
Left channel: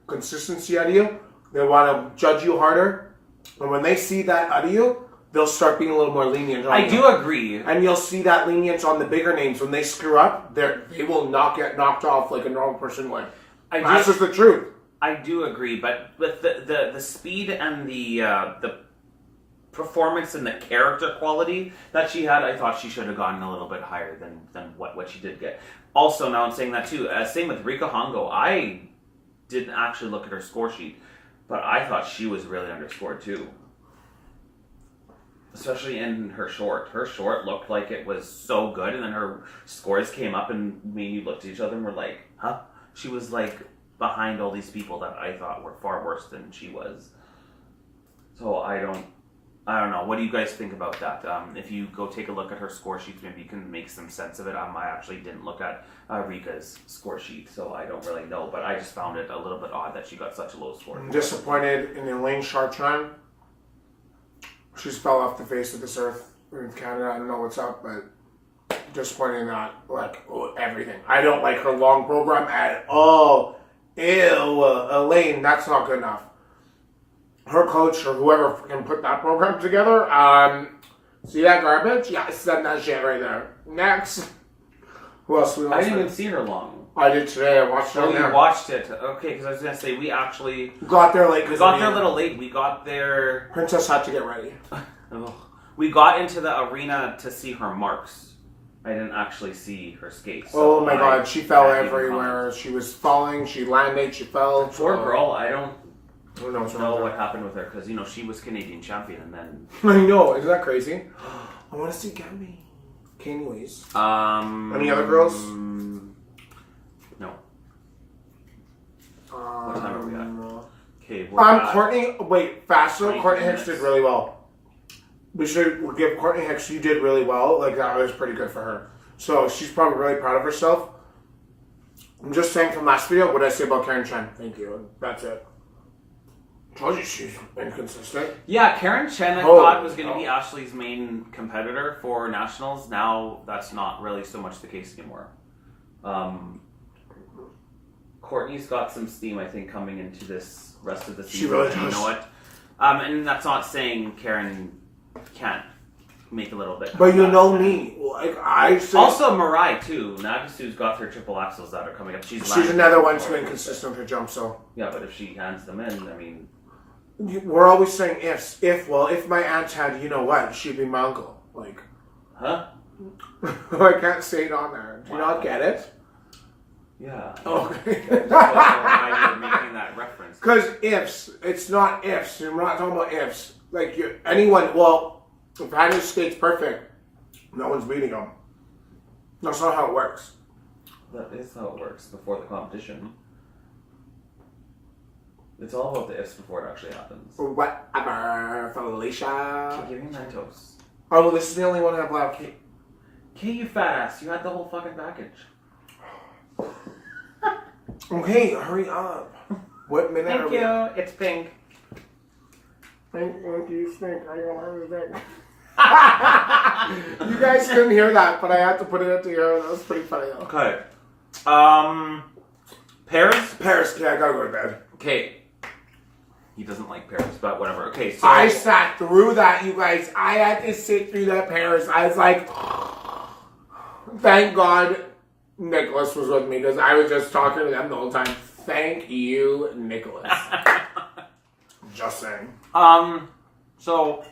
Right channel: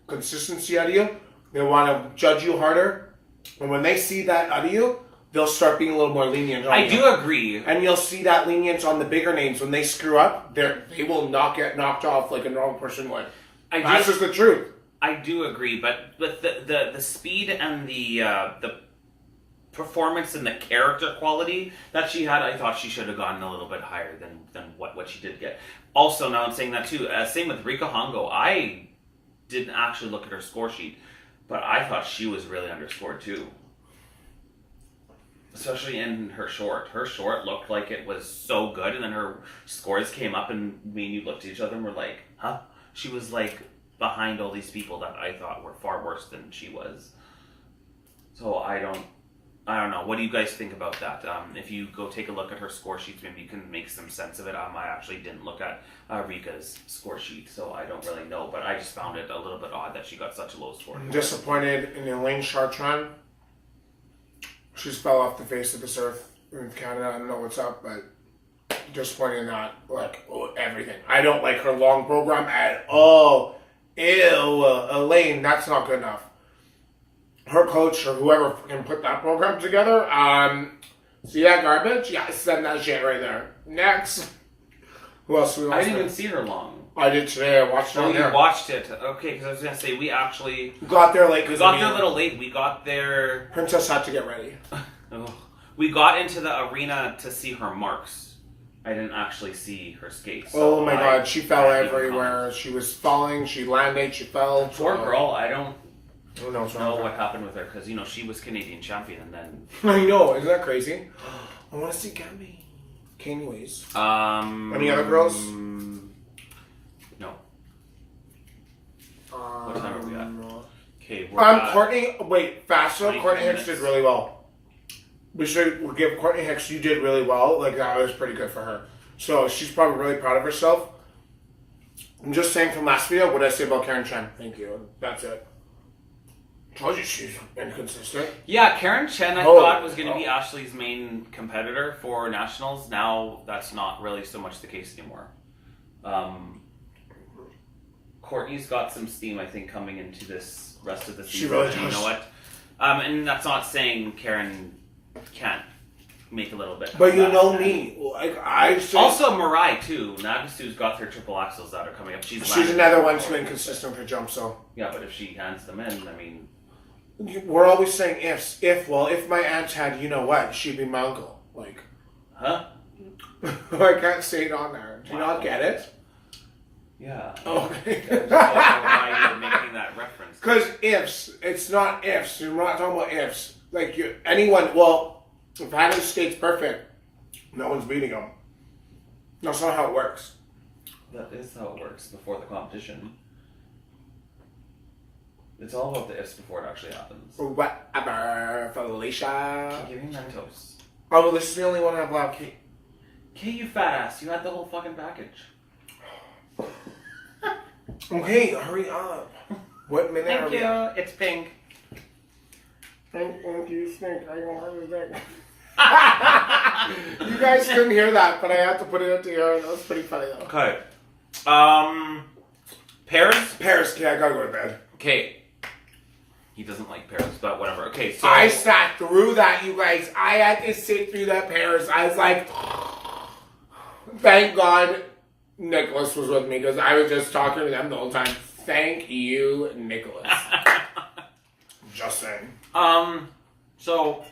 consistency out of you. They want to judge you harder, and when they see that out of you, they'll start being a little more lenient on you. I do agree. And you'll see that lenience on the bigger names. When they screw up, they will not get knocked off like a normal person would. That's just the truth. I do agree, but with the speed and the performance and the character quality that she had, I thought she should have gotten a little bit higher than what she did get. Also, now I'm saying that too. Same with Rika Hongo. I didn't actually look at her score sheet, but I thought she was really underscored too. Especially in her short. Her short looked like it was so good, and then her scores came up, and me and you looked at each other and were like, huh? She was like behind all these people that I thought were far worse than she was. So I don't know. What do you guys think about that? If you go take a look at her score sheets, maybe you can make some sense of it. I actually didn't look at Rika's score sheet, so I don't really know, but I just found it a little bit odd that she got such a low score. I'm disappointed in Elaine Chartrand. She's fell off the face of this earth in Canada. I don't know what's up, but disappointed in that. Like, everything. I don't like her long program at all. Ew, Elaine, that's not good enough. Her coach or whoever can put that program together, see that garbage? Yeah, send that shit right there. Next. Who else we I watched? didn't even see her long. I did today. I watched it. Oh, on you there. watched it. Okay, because I was going to say, we actually... Got there late. We got there a little late. We got there... Princess had to get ready. We got into the arena to see her marks. I didn't actually see her skates. Oh my god, she fell everywhere. She was falling, she landed, she fell. Poor girl, I don't Who knows know what happened with her, because, she was Canadian champion, and then... I know, isn't that crazy? I want to see Gabby. Okay, anyways. Any other girls? No. What time are we at? Okay, we're Courtney, wait, faster. 20 Courtney Hicks minutes. did really well. We should give Courtney Hicks, you did really well. Like, that was pretty good for her. So, she's probably really proud of herself. I'm just saying from last video, what did I say about Karen Chen? Thank you. That's it. Told you she's inconsistent. Yeah, Karen Chen, I thought was going to be Ashley's main competitor for nationals. Now, that's not really so much the case anymore. Courtney's got some steam, I think, coming into this rest of the season. She really and you does. know what? And that's not saying Karen can't make a little bit. But you know me, like also Mariah too. Nagasu's got her triple axels that are coming up. She's another one too inconsistent with her jump. So yeah, but if she hands them in, I mean, we're always saying ifs. If my aunt had, you know what, she'd be my uncle. Like, huh? I can't say it on there. Do you not get it? Yeah. Okay. I don't know why you're making that reference. Because ifs, it's not ifs. We're not talking about ifs. Like anyone. Well, if Hannah skates perfect, no one's beating him. That's not how it works. That is how it works before the competition. It's all about the ifs before it actually happens. Whatever, Felicia. Okay, give me my toast. Oh, well, this is the only one I have left. Okay, you fat ass. You had the whole fucking package. Okay, hurry up. What minute Thank are we you. at? It's pink. Thank you, stink. I want her You guys couldn't hear that, but I had to put it into here. That was pretty funny, though. Okay. Pears? Paris, yeah, I gotta go to bed. Okay. He doesn't like pears, but whatever. Okay, so... I sat through that, you guys. I had to sit through that Paris. I was like, thank God Nicholas was with me, because I was just talking to them the whole time. Thank you, Nicholas. Just saying. So...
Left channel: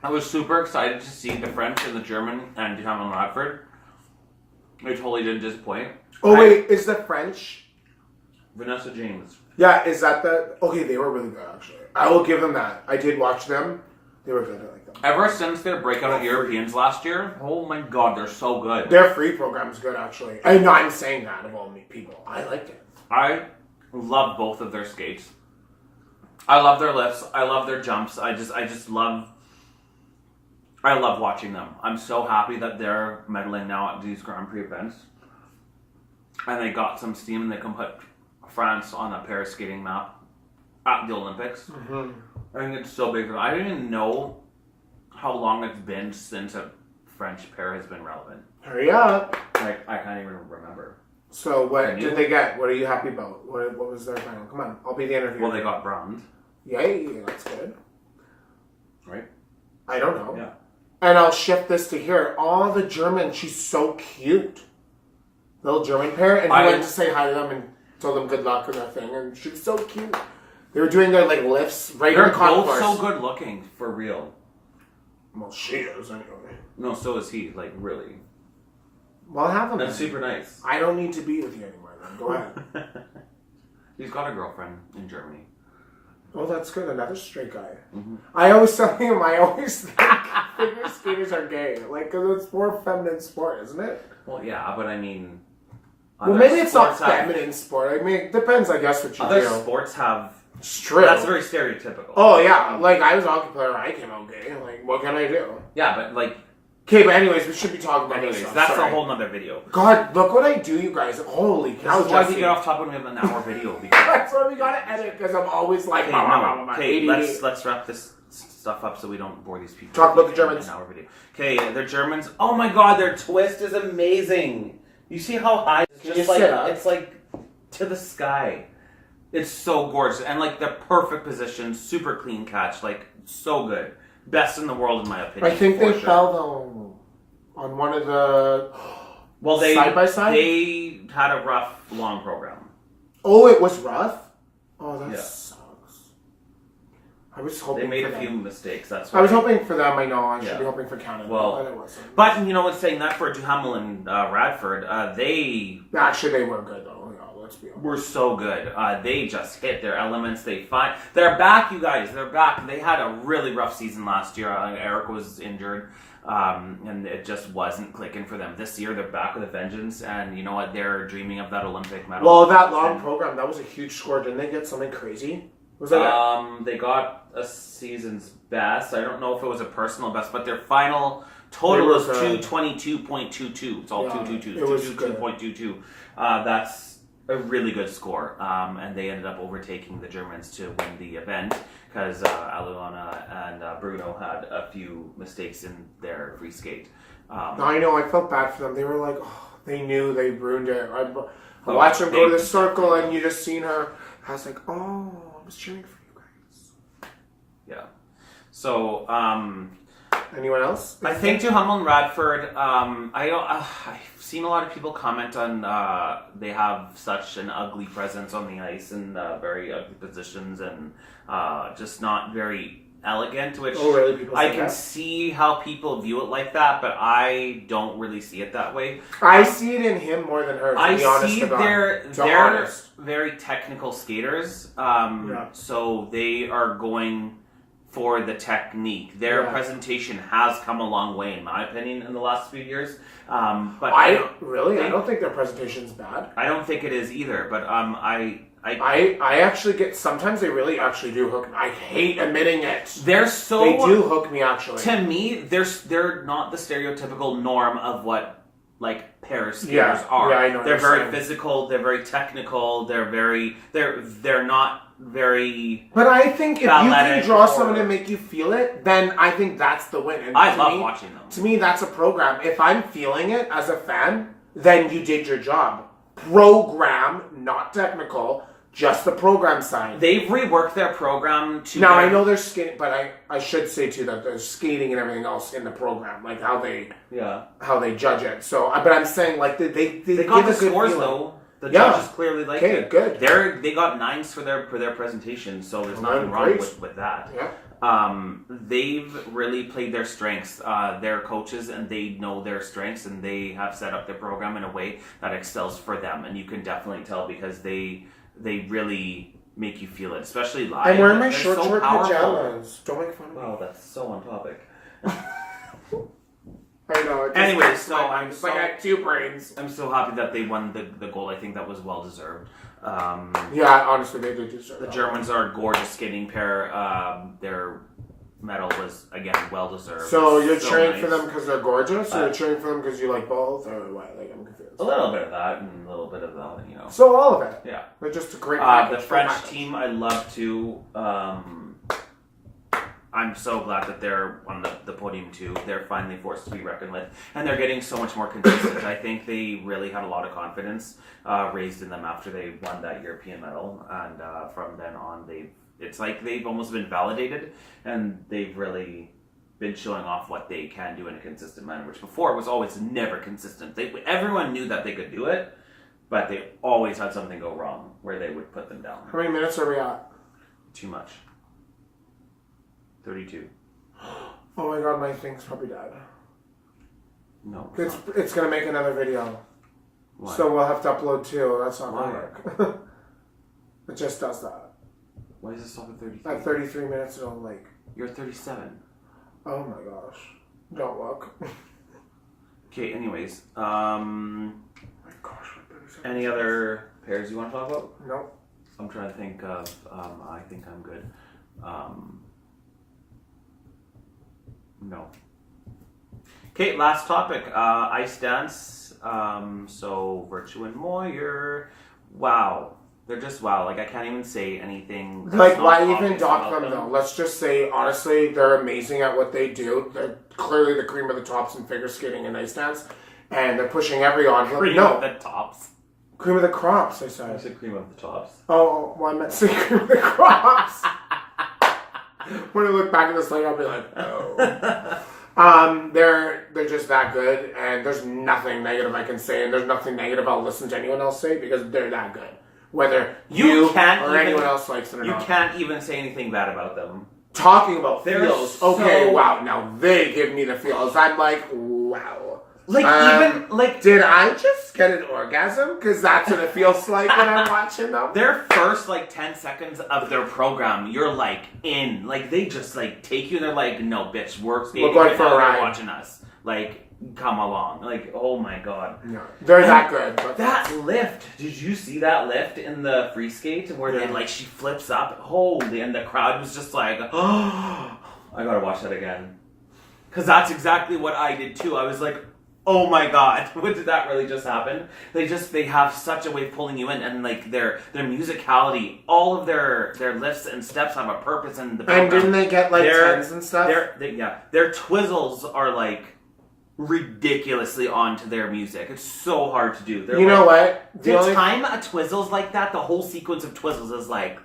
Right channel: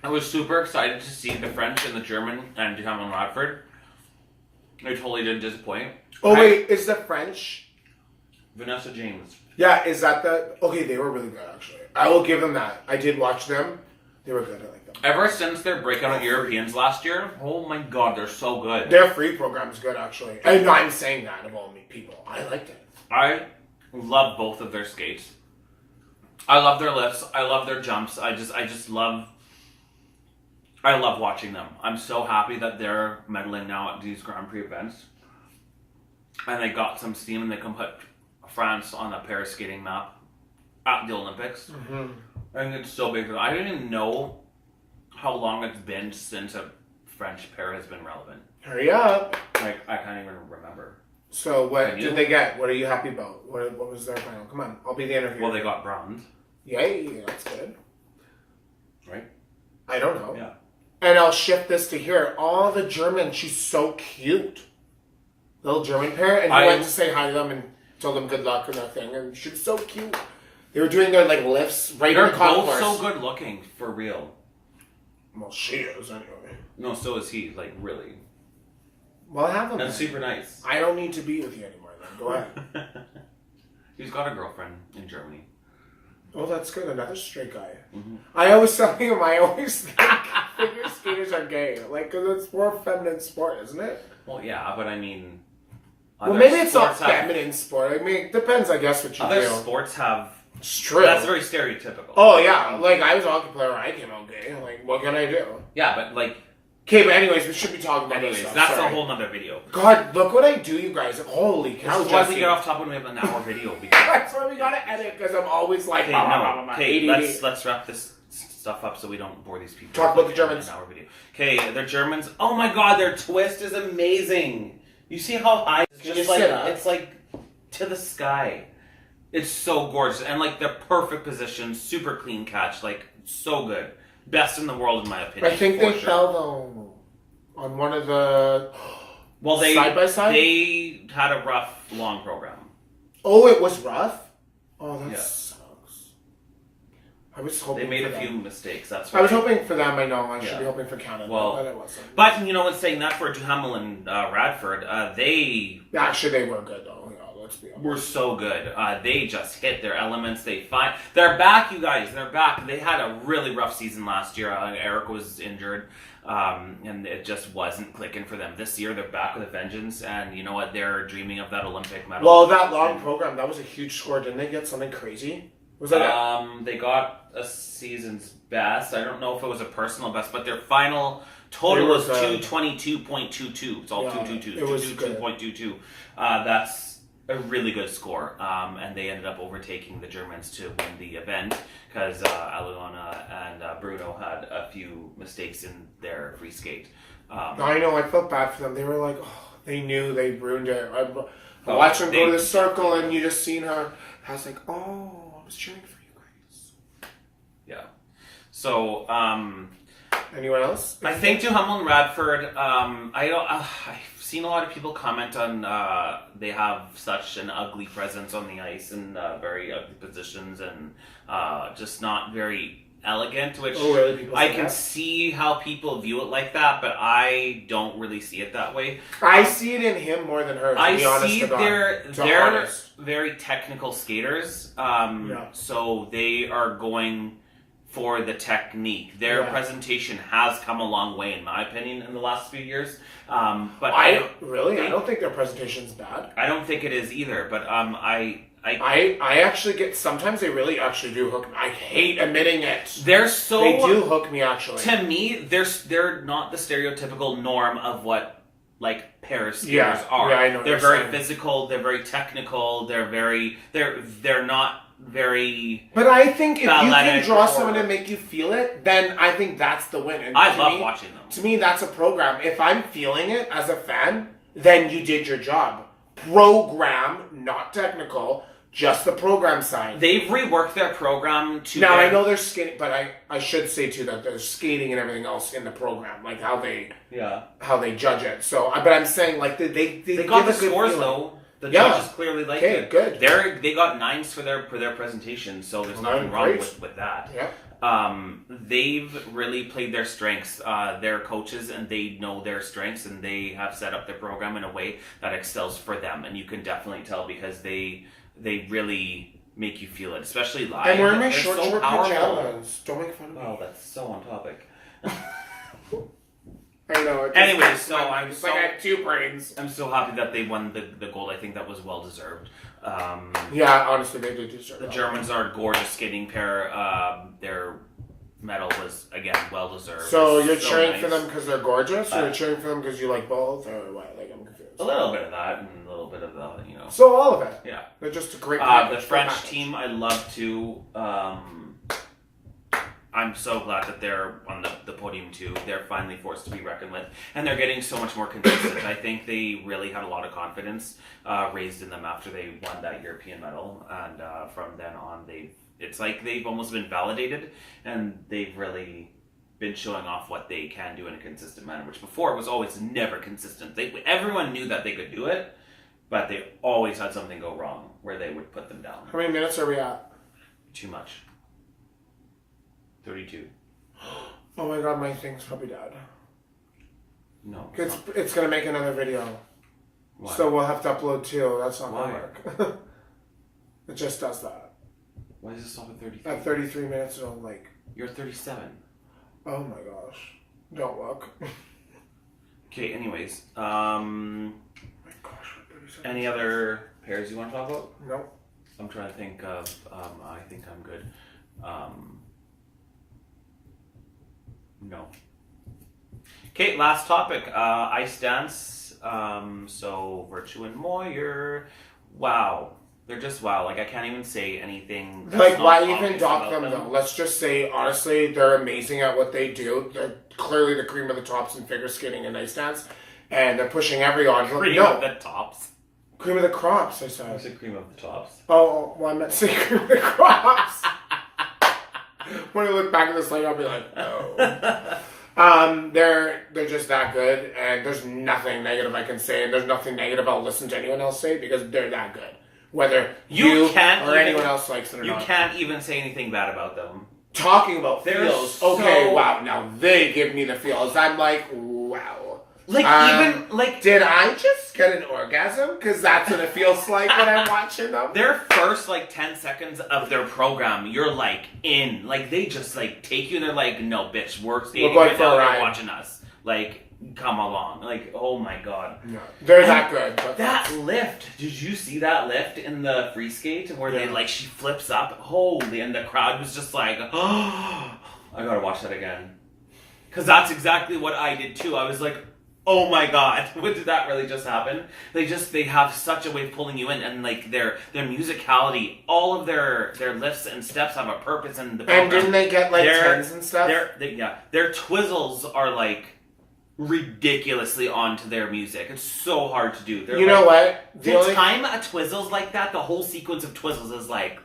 I was super excited to see the French and the German and Duhamel and Radford. They totally didn't disappoint. Oh, wait, is the French... Vanessa James. Yeah, is that the... Okay, they were really good, actually. I will give them that. I did watch them. They were good. I like them. Ever since their breakout at Europeans last year, oh my god, they're so good. Their free program's good, actually. I'm saying that of all people. I liked it. I love both of their skates. I love their lifts. I love their jumps. I love watching them. I'm so happy that they're medaling now at these Grand Prix events. And they got some steam and they can put France on the Paris skating map at the Olympics. Mm-hmm. I think it's so big for them. I don't even know how long it's been since a French pair has been relevant. Hurry up. Like, I can't even remember. So what did they get? What are you happy about? What was their final? Come on, I'll be the interviewer. Well, they got bronze. Yay, that's good. Right? I don't know. Yeah. And I'll shift this to here. All the German, she's so cute. Little German pair. And he went to say hi to them and told them good luck and that thing. And she was so cute. They were doing their like lifts right in the concourse. They're both so good looking, for real. Well, she is anyway. No, so is he, like, really. Well, have them. That's super nice. I don't need to be with you anymore then. Go ahead. He's got a girlfriend in Germany. Oh, that's good. Another straight guy. Mm-hmm. I always tell him, I always think figure skaters are gay. Like, because it's more feminine sport, isn't it? Well, yeah, but I mean... Well, maybe it's not feminine sport. I mean, it depends, I guess, what you do. Other sports have... It's true. That's very stereotypical. Oh, yeah. Like, I was a hockey player. I came out gay. Like, what can I do? Yeah, but, like... Okay, but anyways, we should be talking about Anyways, this stuff. that's Sorry. a whole nother video. God, look what I do, you guys. Holy cow, This is why we get off top when we have an hour video. Because... That's why we gotta edit, because I'm always like... Okay, let's wrap this stuff up so we don't bore these people. Talk about the Germans. An hour video. Okay, they're Germans. Oh my god, their twist is amazing. You see how high it's just like... It's like to the sky. It's so gorgeous. And like the perfect position, super clean catch. Like, so good. Best in the world, in my opinion. I think they fell, though, on one of the side by side. They had a rough, long program. Oh, it was rough? Oh, that sucks. I was hoping they made for a few them. mistakes. That's why. I was hoping for them. I know. I should be hoping for Canada. Well, but it wasn't. But, you know what's saying that for Duhamel and Radford, they... Actually, they were good, though. Yeah, let's be honest. Were so good. They just hit their elements. They're back, you guys. They're back. They had a really rough season last year. Eric was injured, and it just wasn't clicking for them. This year, they're back with a vengeance, and you know what? They're dreaming of that Olympic medal. Well, that long program, that was a huge score. Didn't they get something crazy? Was that They got a season's best. I don't know if it was a personal best, but their final total was 222.22. It's all 222. 222.22. That's a really good score. And they ended up overtaking the Germans to win the event because Aluna and Bruno had a few mistakes in their free skate. I know. I felt bad for them. They were like, they knew they ruined it. I watched them go to the circle, and you just seen her. I was like, I was cheering for you guys. Yeah. So, Anyone else? I think Duhamel and Radford, I've seen a lot of people comment on they have such an ugly presence on the ice and very ugly positions and just not very elegant, which really? People I say can that? see how people view it like that, but I don't really see it that way. I see it in him more than her, to be honest see to God. they're Honest. very technical skaters, Yeah. so they are going for the technique. Their Yeah. presentation has come a long way, in my opinion, in the last few years. But I don't think their presentation's bad. I don't think it is either. But I actually get, sometimes they really actually do hook me. I hate admitting it. they're so They do hook me actually. to me. They're not the stereotypical norm of what like Paris skaters Yeah. are. Yeah, I know what They're you're very saying. physical. They're very technical. They're not very. But I think if you can Balletic draw or- someone and make you feel it, then I think that's the win. And I to love me- watching them. To me, that's a program. If I'm feeling it as a fan, then you did your job. Program, not technical, just the program side. They've reworked their program to. Now, I know they're skating, but I should say too that there's skating and everything else in the program, like how they judge it. So, but I'm saying like they They got the give a good scores feeling. though. The Yeah. judges clearly like Okay, it. good. They got 9s for their presentation, so there's Well, nothing wrong great. with that. Yeah. They've really played their strengths. They're coaches and they know their strengths, and they have set up their program in a way that excels for them. And you can definitely tell because they really make you feel it, especially live. I'm wearing my They're short powerful. pajamas. Don't make fun of me. Wow, that's so on topic. I know. It just Anyways, cracks so my I'm mind. It's like I had two brains. I'm so happy that they won the gold. I think that was well deserved. Yeah, honestly, they did deserve The that. Germans are a gorgeous skating pair. Their medal was again well deserved. So you're So cheering nice. for them because they're gorgeous, or you're cheering for them because you like both, or what? Like I'm confused. A little bit of that and a little bit of that, you know. So all of it. Yeah. They're just a great. The package, French package. team I love too. I'm so glad that they're on the podium too. They're finally forced to be reckoned with, and they're getting so much more consistent. I think they really had a lot of confidence raised in them after they won that European medal, and from then on, it's like they've almost been validated, and they've really been showing off what they can do in a consistent manner, which before was always never consistent. Everyone knew that they could do it, but they always had something go wrong where they would put them down. How many minutes are we at? Too much. 32. Oh my god, my thing's probably died. No. It's gonna make another video, Why? so we'll have to upload two. That's not Why? gonna work. It just does that. Why does it stop at 33? At 33 minutes, it'll like. You're 37. Oh my gosh! Don't look. Okay, anyways. Oh my gosh! 37 Any other pairs you want to talk about? No. I'm trying to think of, I think I'm good. No. Okay, last topic. Ice dance. So, Virtue and Moyer. Wow. They're just wow. Like, I can't even say anything. that's Like, not why even obvious dock about them though? Let's just say, honestly, they're amazing at what they do. They're clearly the cream of the tops in figure skating and ice dance, and they're pushing every envelope. Cream No, of the tops. cream of the crops. I I said. said cream of the tops. Oh, well, I meant to say cream of the crops. When I look back at this, like, I'll be like, oh. They're just that good, and there's nothing negative I can say, and there's nothing negative I'll listen to anyone else say because they're that good. Whether you can't or even- anyone else likes it or You not. can't even say anything bad about them. Talking about They're feels, okay, so- wow, now they give me the feels. I'm like, wow. Like, even, like, Did I just get an orgasm? Because that's what it feels like when I'm watching them. their first, like, 10 seconds of their program, you're, like, in. Like, they just, like, take you and they're like, no, bitch, we're skating going right for now, a you're ride. watching us. Like, come along. Like, oh my god. No, they're that good. But That lift, did you see that lift in the free skate where they Yeah. like she flips up? Holy, and the crowd was just like, oh, I gotta watch that again. Because that's exactly what I did too. I was like, oh my god, what did that really just happen? They have such a way of pulling you in, and like their musicality, all of their lifts and steps have a purpose and the And program. didn't they get like Their- tens and stuff? Their twizzles are like ridiculously onto their music. It's so hard to do. They're You know like, what? The time a twizzle's like that, the whole sequence of twizzles is like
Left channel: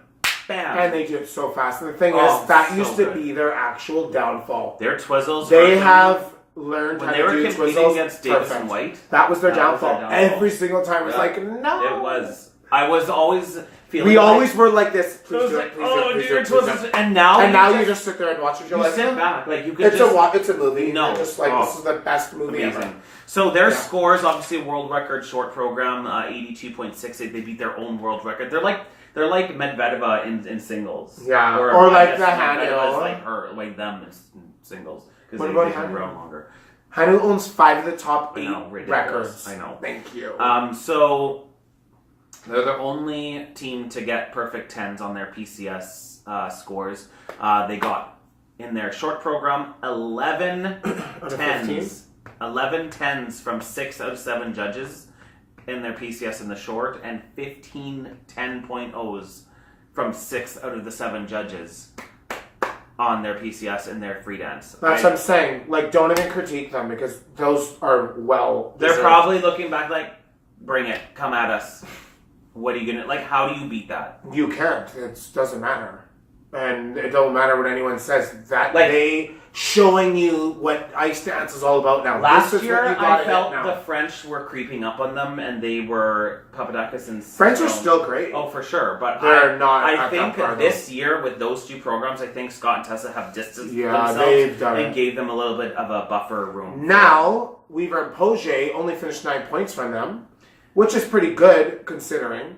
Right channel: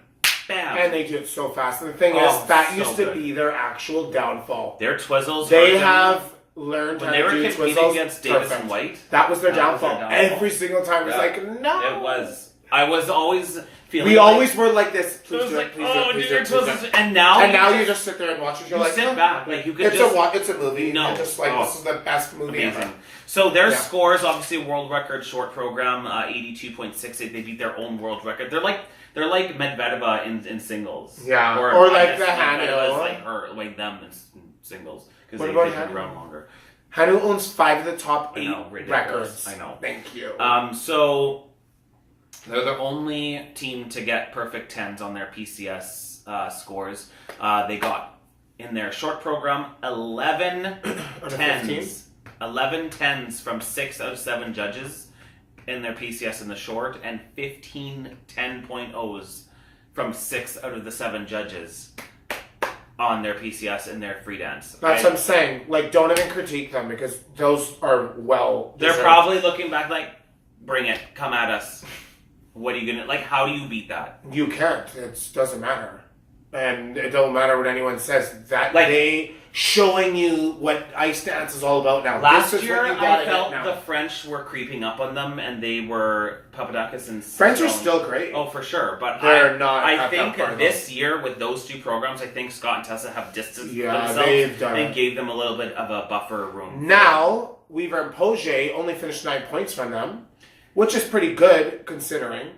bam. And they do it so fast. And the thing Oh, is, that so used to good. be their actual downfall. Their twizzles. They hurt them. have learned When how they to were do competing twizzles. against Davis Perfect. and White. That was their That was their downfall. downfall. Every single time. It was Yeah. like, no. It was. I was always feeling. We like, always were like this. I Please was do like, it. Please oh, do it. do Please do your it. Please do twizzles. it. And now, you just sit there and watch it. You're you like, sit back, like you could it's just. it's a movie. No. You're just like, Oh. this is the best movie Amazing. ever. So their Yeah. scores, obviously, a world record short program, 82.68. They beat their own world record. They're like Medvedeva in singles. Yeah. Or Or I like guess the Medvedeva is Hanu. like her, like them in singles because What they've about been Hanu? around longer. Hanu owns 5 of the top I 8 know, ridiculous. records. I know. Thank you. So they're the only team to get perfect 10s on their PCS scores. They got in their short program 11 10s. 11 10s from 6 out of 7 judges in their PCS in the short, and 15 10.0s from 6 out of the 7 judges on their PCS in their free dance. That's what I'm saying. Like, don't even critique them because those are well. They're deserved. probably looking back like, bring it, come at us. What are you gonna like? How do you beat that? You can't. It doesn't matter, and it don't matter what anyone says. That Like- they showing you what ice dance is all about now. Last this is year, what you I gotta felt get the now. French were creeping up on them, and they were Papadakis and French are Stone. still great. Oh, for sure, but They're not. I at think that far, this year with those two programs, I think Scott and Tessa have distanced Yeah, themselves they've done and it. gave them a little bit of a buffer room. Now Weaver and Poget only finished 9 points from them, which is pretty good considering.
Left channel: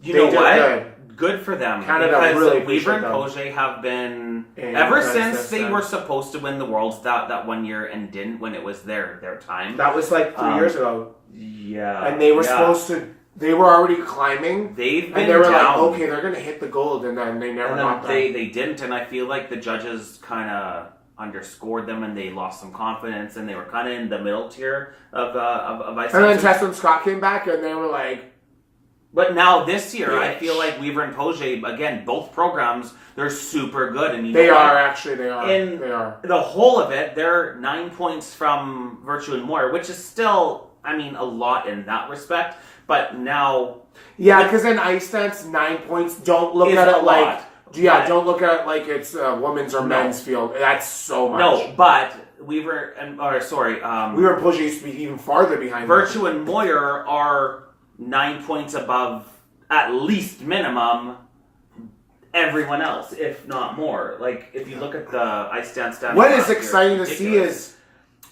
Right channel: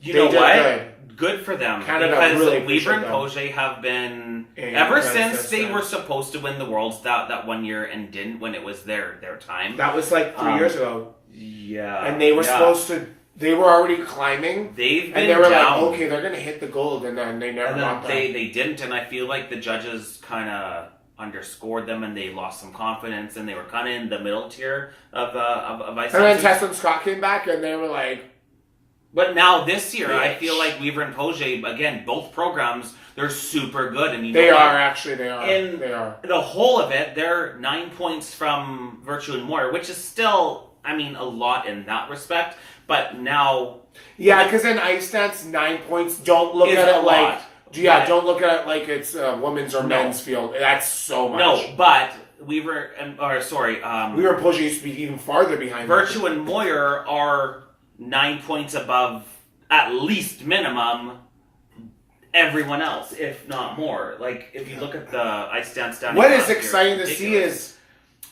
You They know did what? good. Good for them Canada because really Weaver and appreciate Poget have been And ever that's since they their were son. supposed to win the Worlds that one year and didn't when it was their time. That was like 3 years ago, Yeah, and they were yeah. supposed to. They were already climbing, They've been and they were down. like, "Okay, they're gonna hit the gold," and then they never And got then there. they didn't, and I feel like the judges kind of underscored them, and they lost some confidence, and they were kind of in the middle tier of ice And then dancing. Tessa and Scott came back, and they were like, But now this year, I Bitch. feel like Weaver and Poget, again, both programs, they're super good, and you "They know what? are actually, they are, In- they are." The whole of it, they're 9 points from Virtue and Moore, which is still, I mean, a lot in that respect. But now, Yeah, because in ice dance, 9 points. Don't look Is at a it like, lot, yeah, but- don't look at it like it's women's or No. men's field. That's so much. no, but Weaver and Weaver and Poget used to be even farther behind. them. Virtue and Moyer are 9 points above, at least minimum, everyone else, if not more. Like, if you look at the ice dance stats. What last is year, exciting to it's see ridiculous. is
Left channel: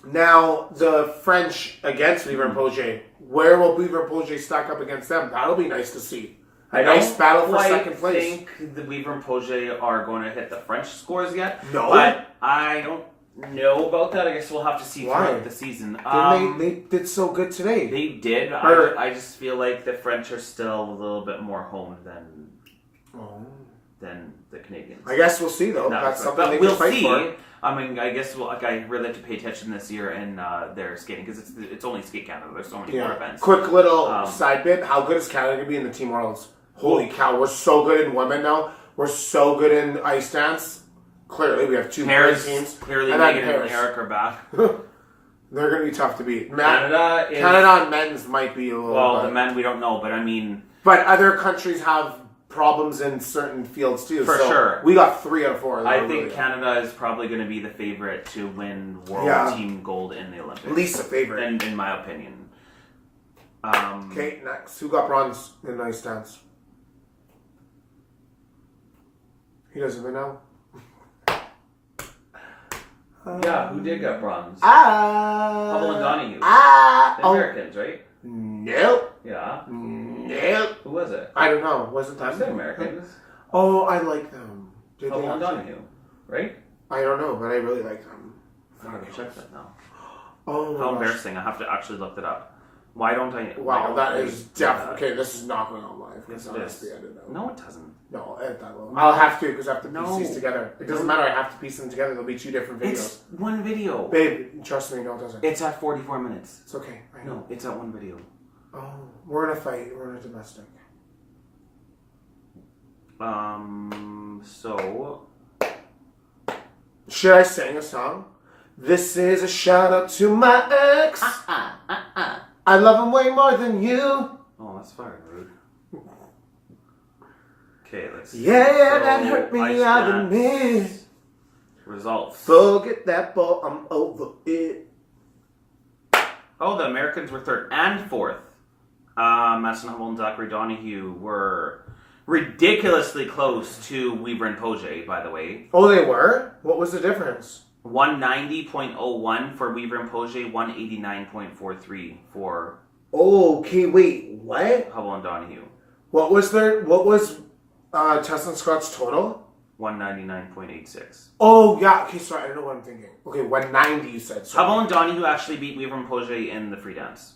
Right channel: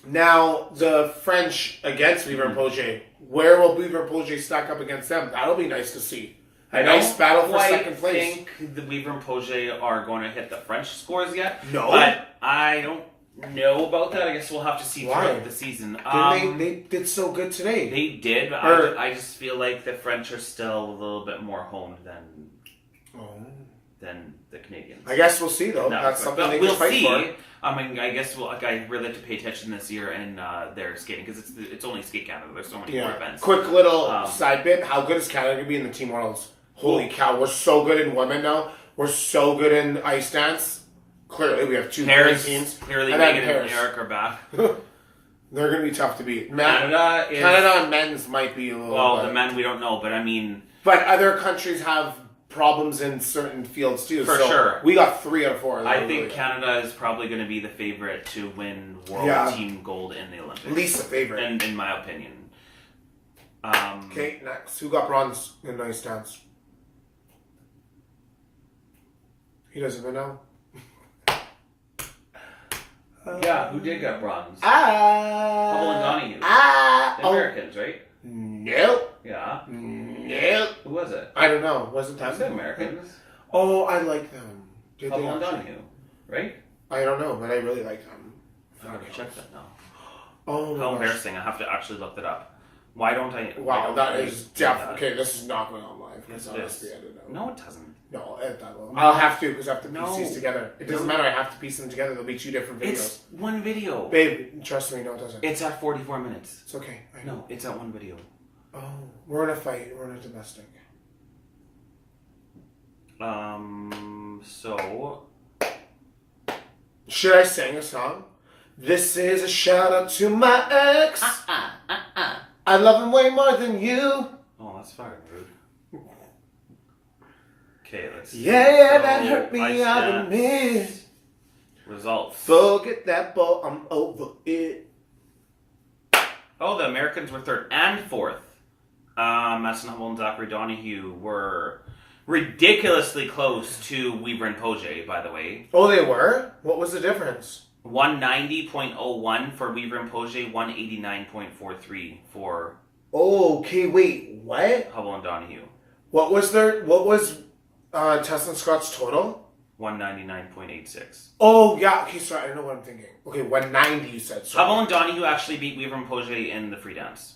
now the French against Weaver and Poget. Where will Weaver and Poget stack up against them? That'll be nice to see. A nice battle for quite second place. think the Weaver and Poget are going to hit the French scores yet. No. But I don't know about that. I guess we'll have to see Why? throughout the season. They did so good today. They did. Or- I just feel like the French are still a little bit more honed than the Canadians. I guess we'll see though. No, That's something but they we'll can fight see. for. I mean, I guess I really have to pay attention this year in their skating because it's only Skate Canada. There's so many more Yeah. events. Quick little Um, side bit. How good is Canada going to be in the Team Worlds? Holy cow, we're so good in women now. We're so good in ice dance. Clearly, we have two great Paris, teams. clearly And then Megan and Paris. Eric are back. They're going to be tough to beat. Canada is Canada on men's might be a little well, bit. the men we don't know, but I mean, But other countries have problems in certain fields too. For so sure. We got 3 out of 4. I Really think good. Canada is probably going to be the favorite to win world Yeah. team gold in the Olympics. At least a favorite. in my opinion. Okay, next. Who got bronze in ice dance? He doesn't even know. Yeah, who did get bronze? Hubble and Donahue. Ah. The Americans, right? Nope. Yeah. Nope. Who was it? I don't know. Was it I them? said Americans. Oh, I like them. Did Hubble they and actually? Donahue, right? I don't know, but I really like them. I'm gonna check that now. Oh my How gosh. embarrassing! I have to actually look that up. Why don't I? why Wow, don't that I is do definitely... that? Okay, this is not going on live. Yes, Because it honestly, is. I don't know. No, it doesn't. No, edit that will. I'll have to because I have to piece No. these together. It doesn't No. matter. I have to piece them together. There'll be 2 different videos. It's one video. Babe, trust me. No, it doesn't. It's at 44 minutes. It's okay. I know. No, it's at one video. Oh, we're in a fight. We're in a domestic. So Should I sing a song? This is a shout out to my ex. I love him way more than you. oh, that's fire, rude. Okay, let's see. Yeah, that hurt me. ice I admit. dance results. Forget that ball. I'm over it. Oh, the Americans were third and fourth. Madison Humble and Zachary Donahue were ridiculously close to Weaver and Poje, by the way. Oh, they were? What was the difference? 190.01 for Weaver and Poje, 189.43 for Okay, wait, what? Hubble and Donahue. What was Tess and Scott's total? 199.86. Oh, yeah, okay, sorry, I don't know what I'm thinking. Okay, 190 you said. Sorry. Hubble and Donahue actually beat Weaver and Poje in the free dance.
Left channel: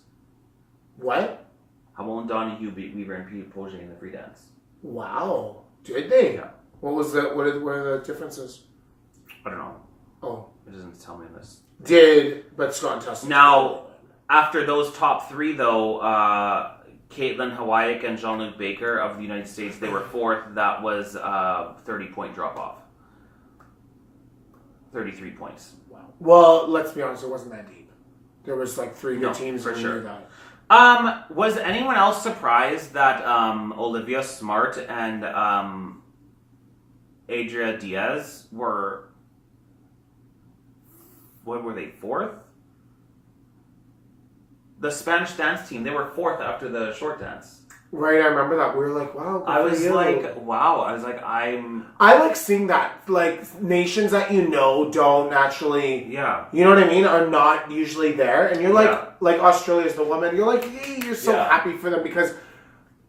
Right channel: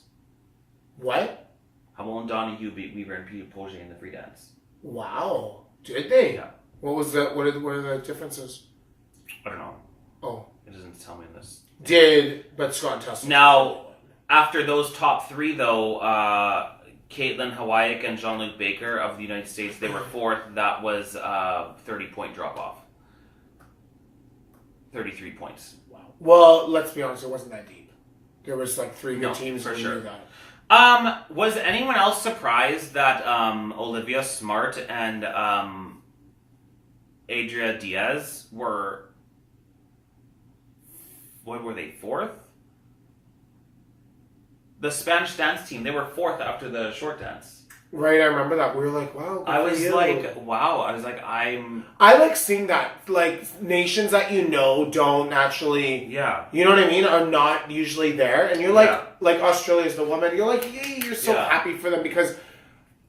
What? Hubble and Donahue beat Weaver and Poje in the free dance. Wow. Did they? Yeah. What are the differences? I don't know. Oh. It doesn't tell me this. But Scott and Tess. Now, after those top three, though, Caitlin Hawaii and Jean-Luc Baker of the United States, they were fourth. That was a 30-point drop-off. 33 points. Wow. Well, let's be honest, it wasn't that deep. There was like three good teams for and we sure. knew that. Was anyone else surprised that Olivia Smart and Adria Diaz were, what were they, fourth? The Spanish dance team, they were fourth after the short dance. Right, I remember that. We were like, wow. I was like, I like seeing that. Like, nations that you know don't naturally, yeah. you know what I mean, are not usually there. And you're like Australia's the woman. You're like, yay, you're so happy for them because,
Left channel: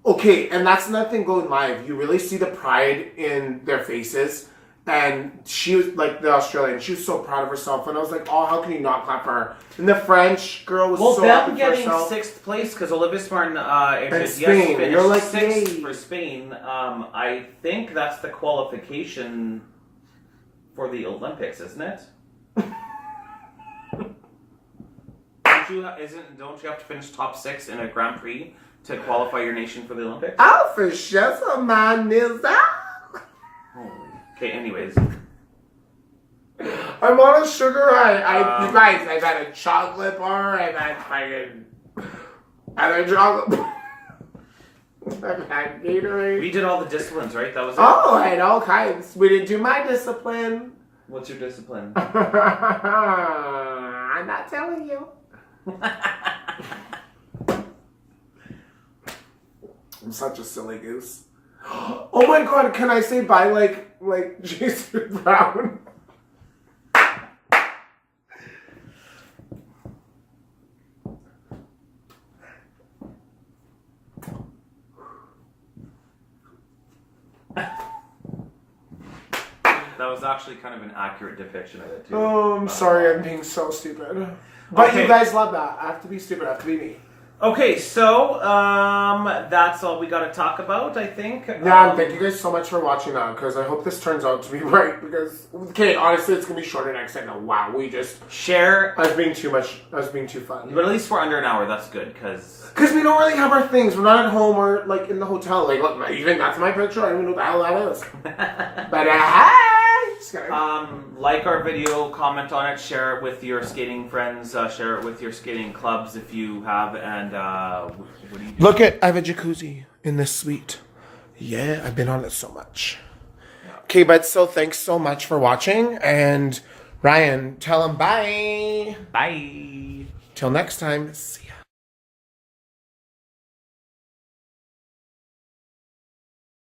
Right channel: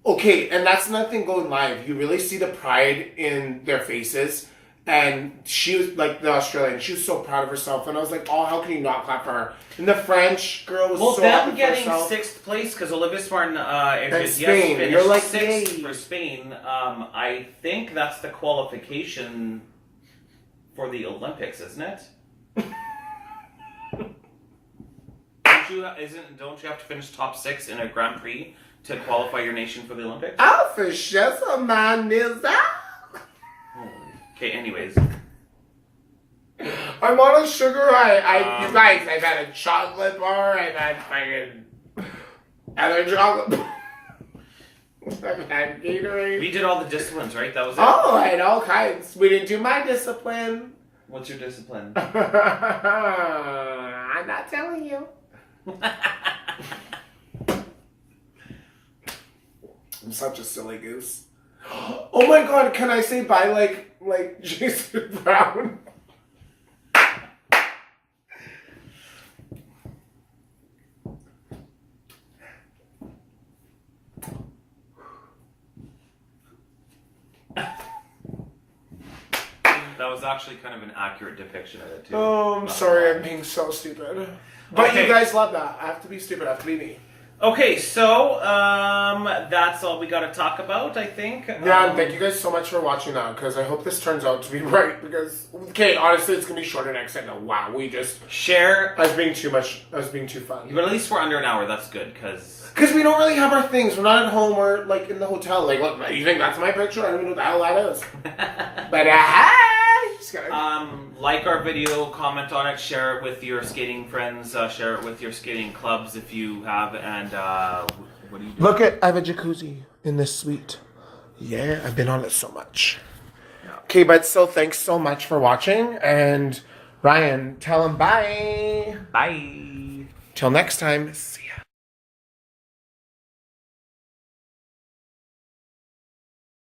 okay, and that's another thing going live. You really see the pride in their faces. And she was, like, the Australian, she was so proud of herself. And I was like, oh, how can you not clap for her? And the French girl was so happy for herself. Well, them getting 6th place, because Olivia Smart and Spain. finished You're like, 6th yay. for Spain. I think that's the qualification for the Olympics, isn't it? Don't you have to finish top 6 in a Grand Prix to qualify your nation for the Olympics? Oh, for sure, so man is that. Okay, anyways. I'm on a sugar high. You guys, I've had a chocolate bar. I've had fucking other chocolate bar. I've had Gatorade. We did all the disciplines, right? That was it? Oh, I had all kinds. We didn't do my discipline. What's your discipline? I'm not telling you. I'm such a silly goose. Oh my god, can I say bye like Jason Brown? That was actually kind of an accurate depiction of it, too. Oh, I'm sorry, I'm being so stupid. But you guys love that. I have to be stupid, I have to be me. Okay, so that's all we got to talk about, I think. Yeah, thank you guys so much for watching that, because I hope this turns out to be right, because, okay, honestly, it's going to be shorter next time. Wow, we just... Share... I was being too much, I was being too fun. But at least we're under an hour, that's good, because... Because we don't really have our things. We're not at home or, like, in the hotel. Like, look, you think that's my picture? I don't even know what the hell that is. But, like our video, comment on it, share it with your skating friends, share it with your skating clubs if you have, and what do you do? Look I have a jacuzzi in this suite. Yeah, I've been on it so much. Yeah. Okay, but so thanks so much for watching, and Ryan, tell them bye. Bye. Till next time, see ya.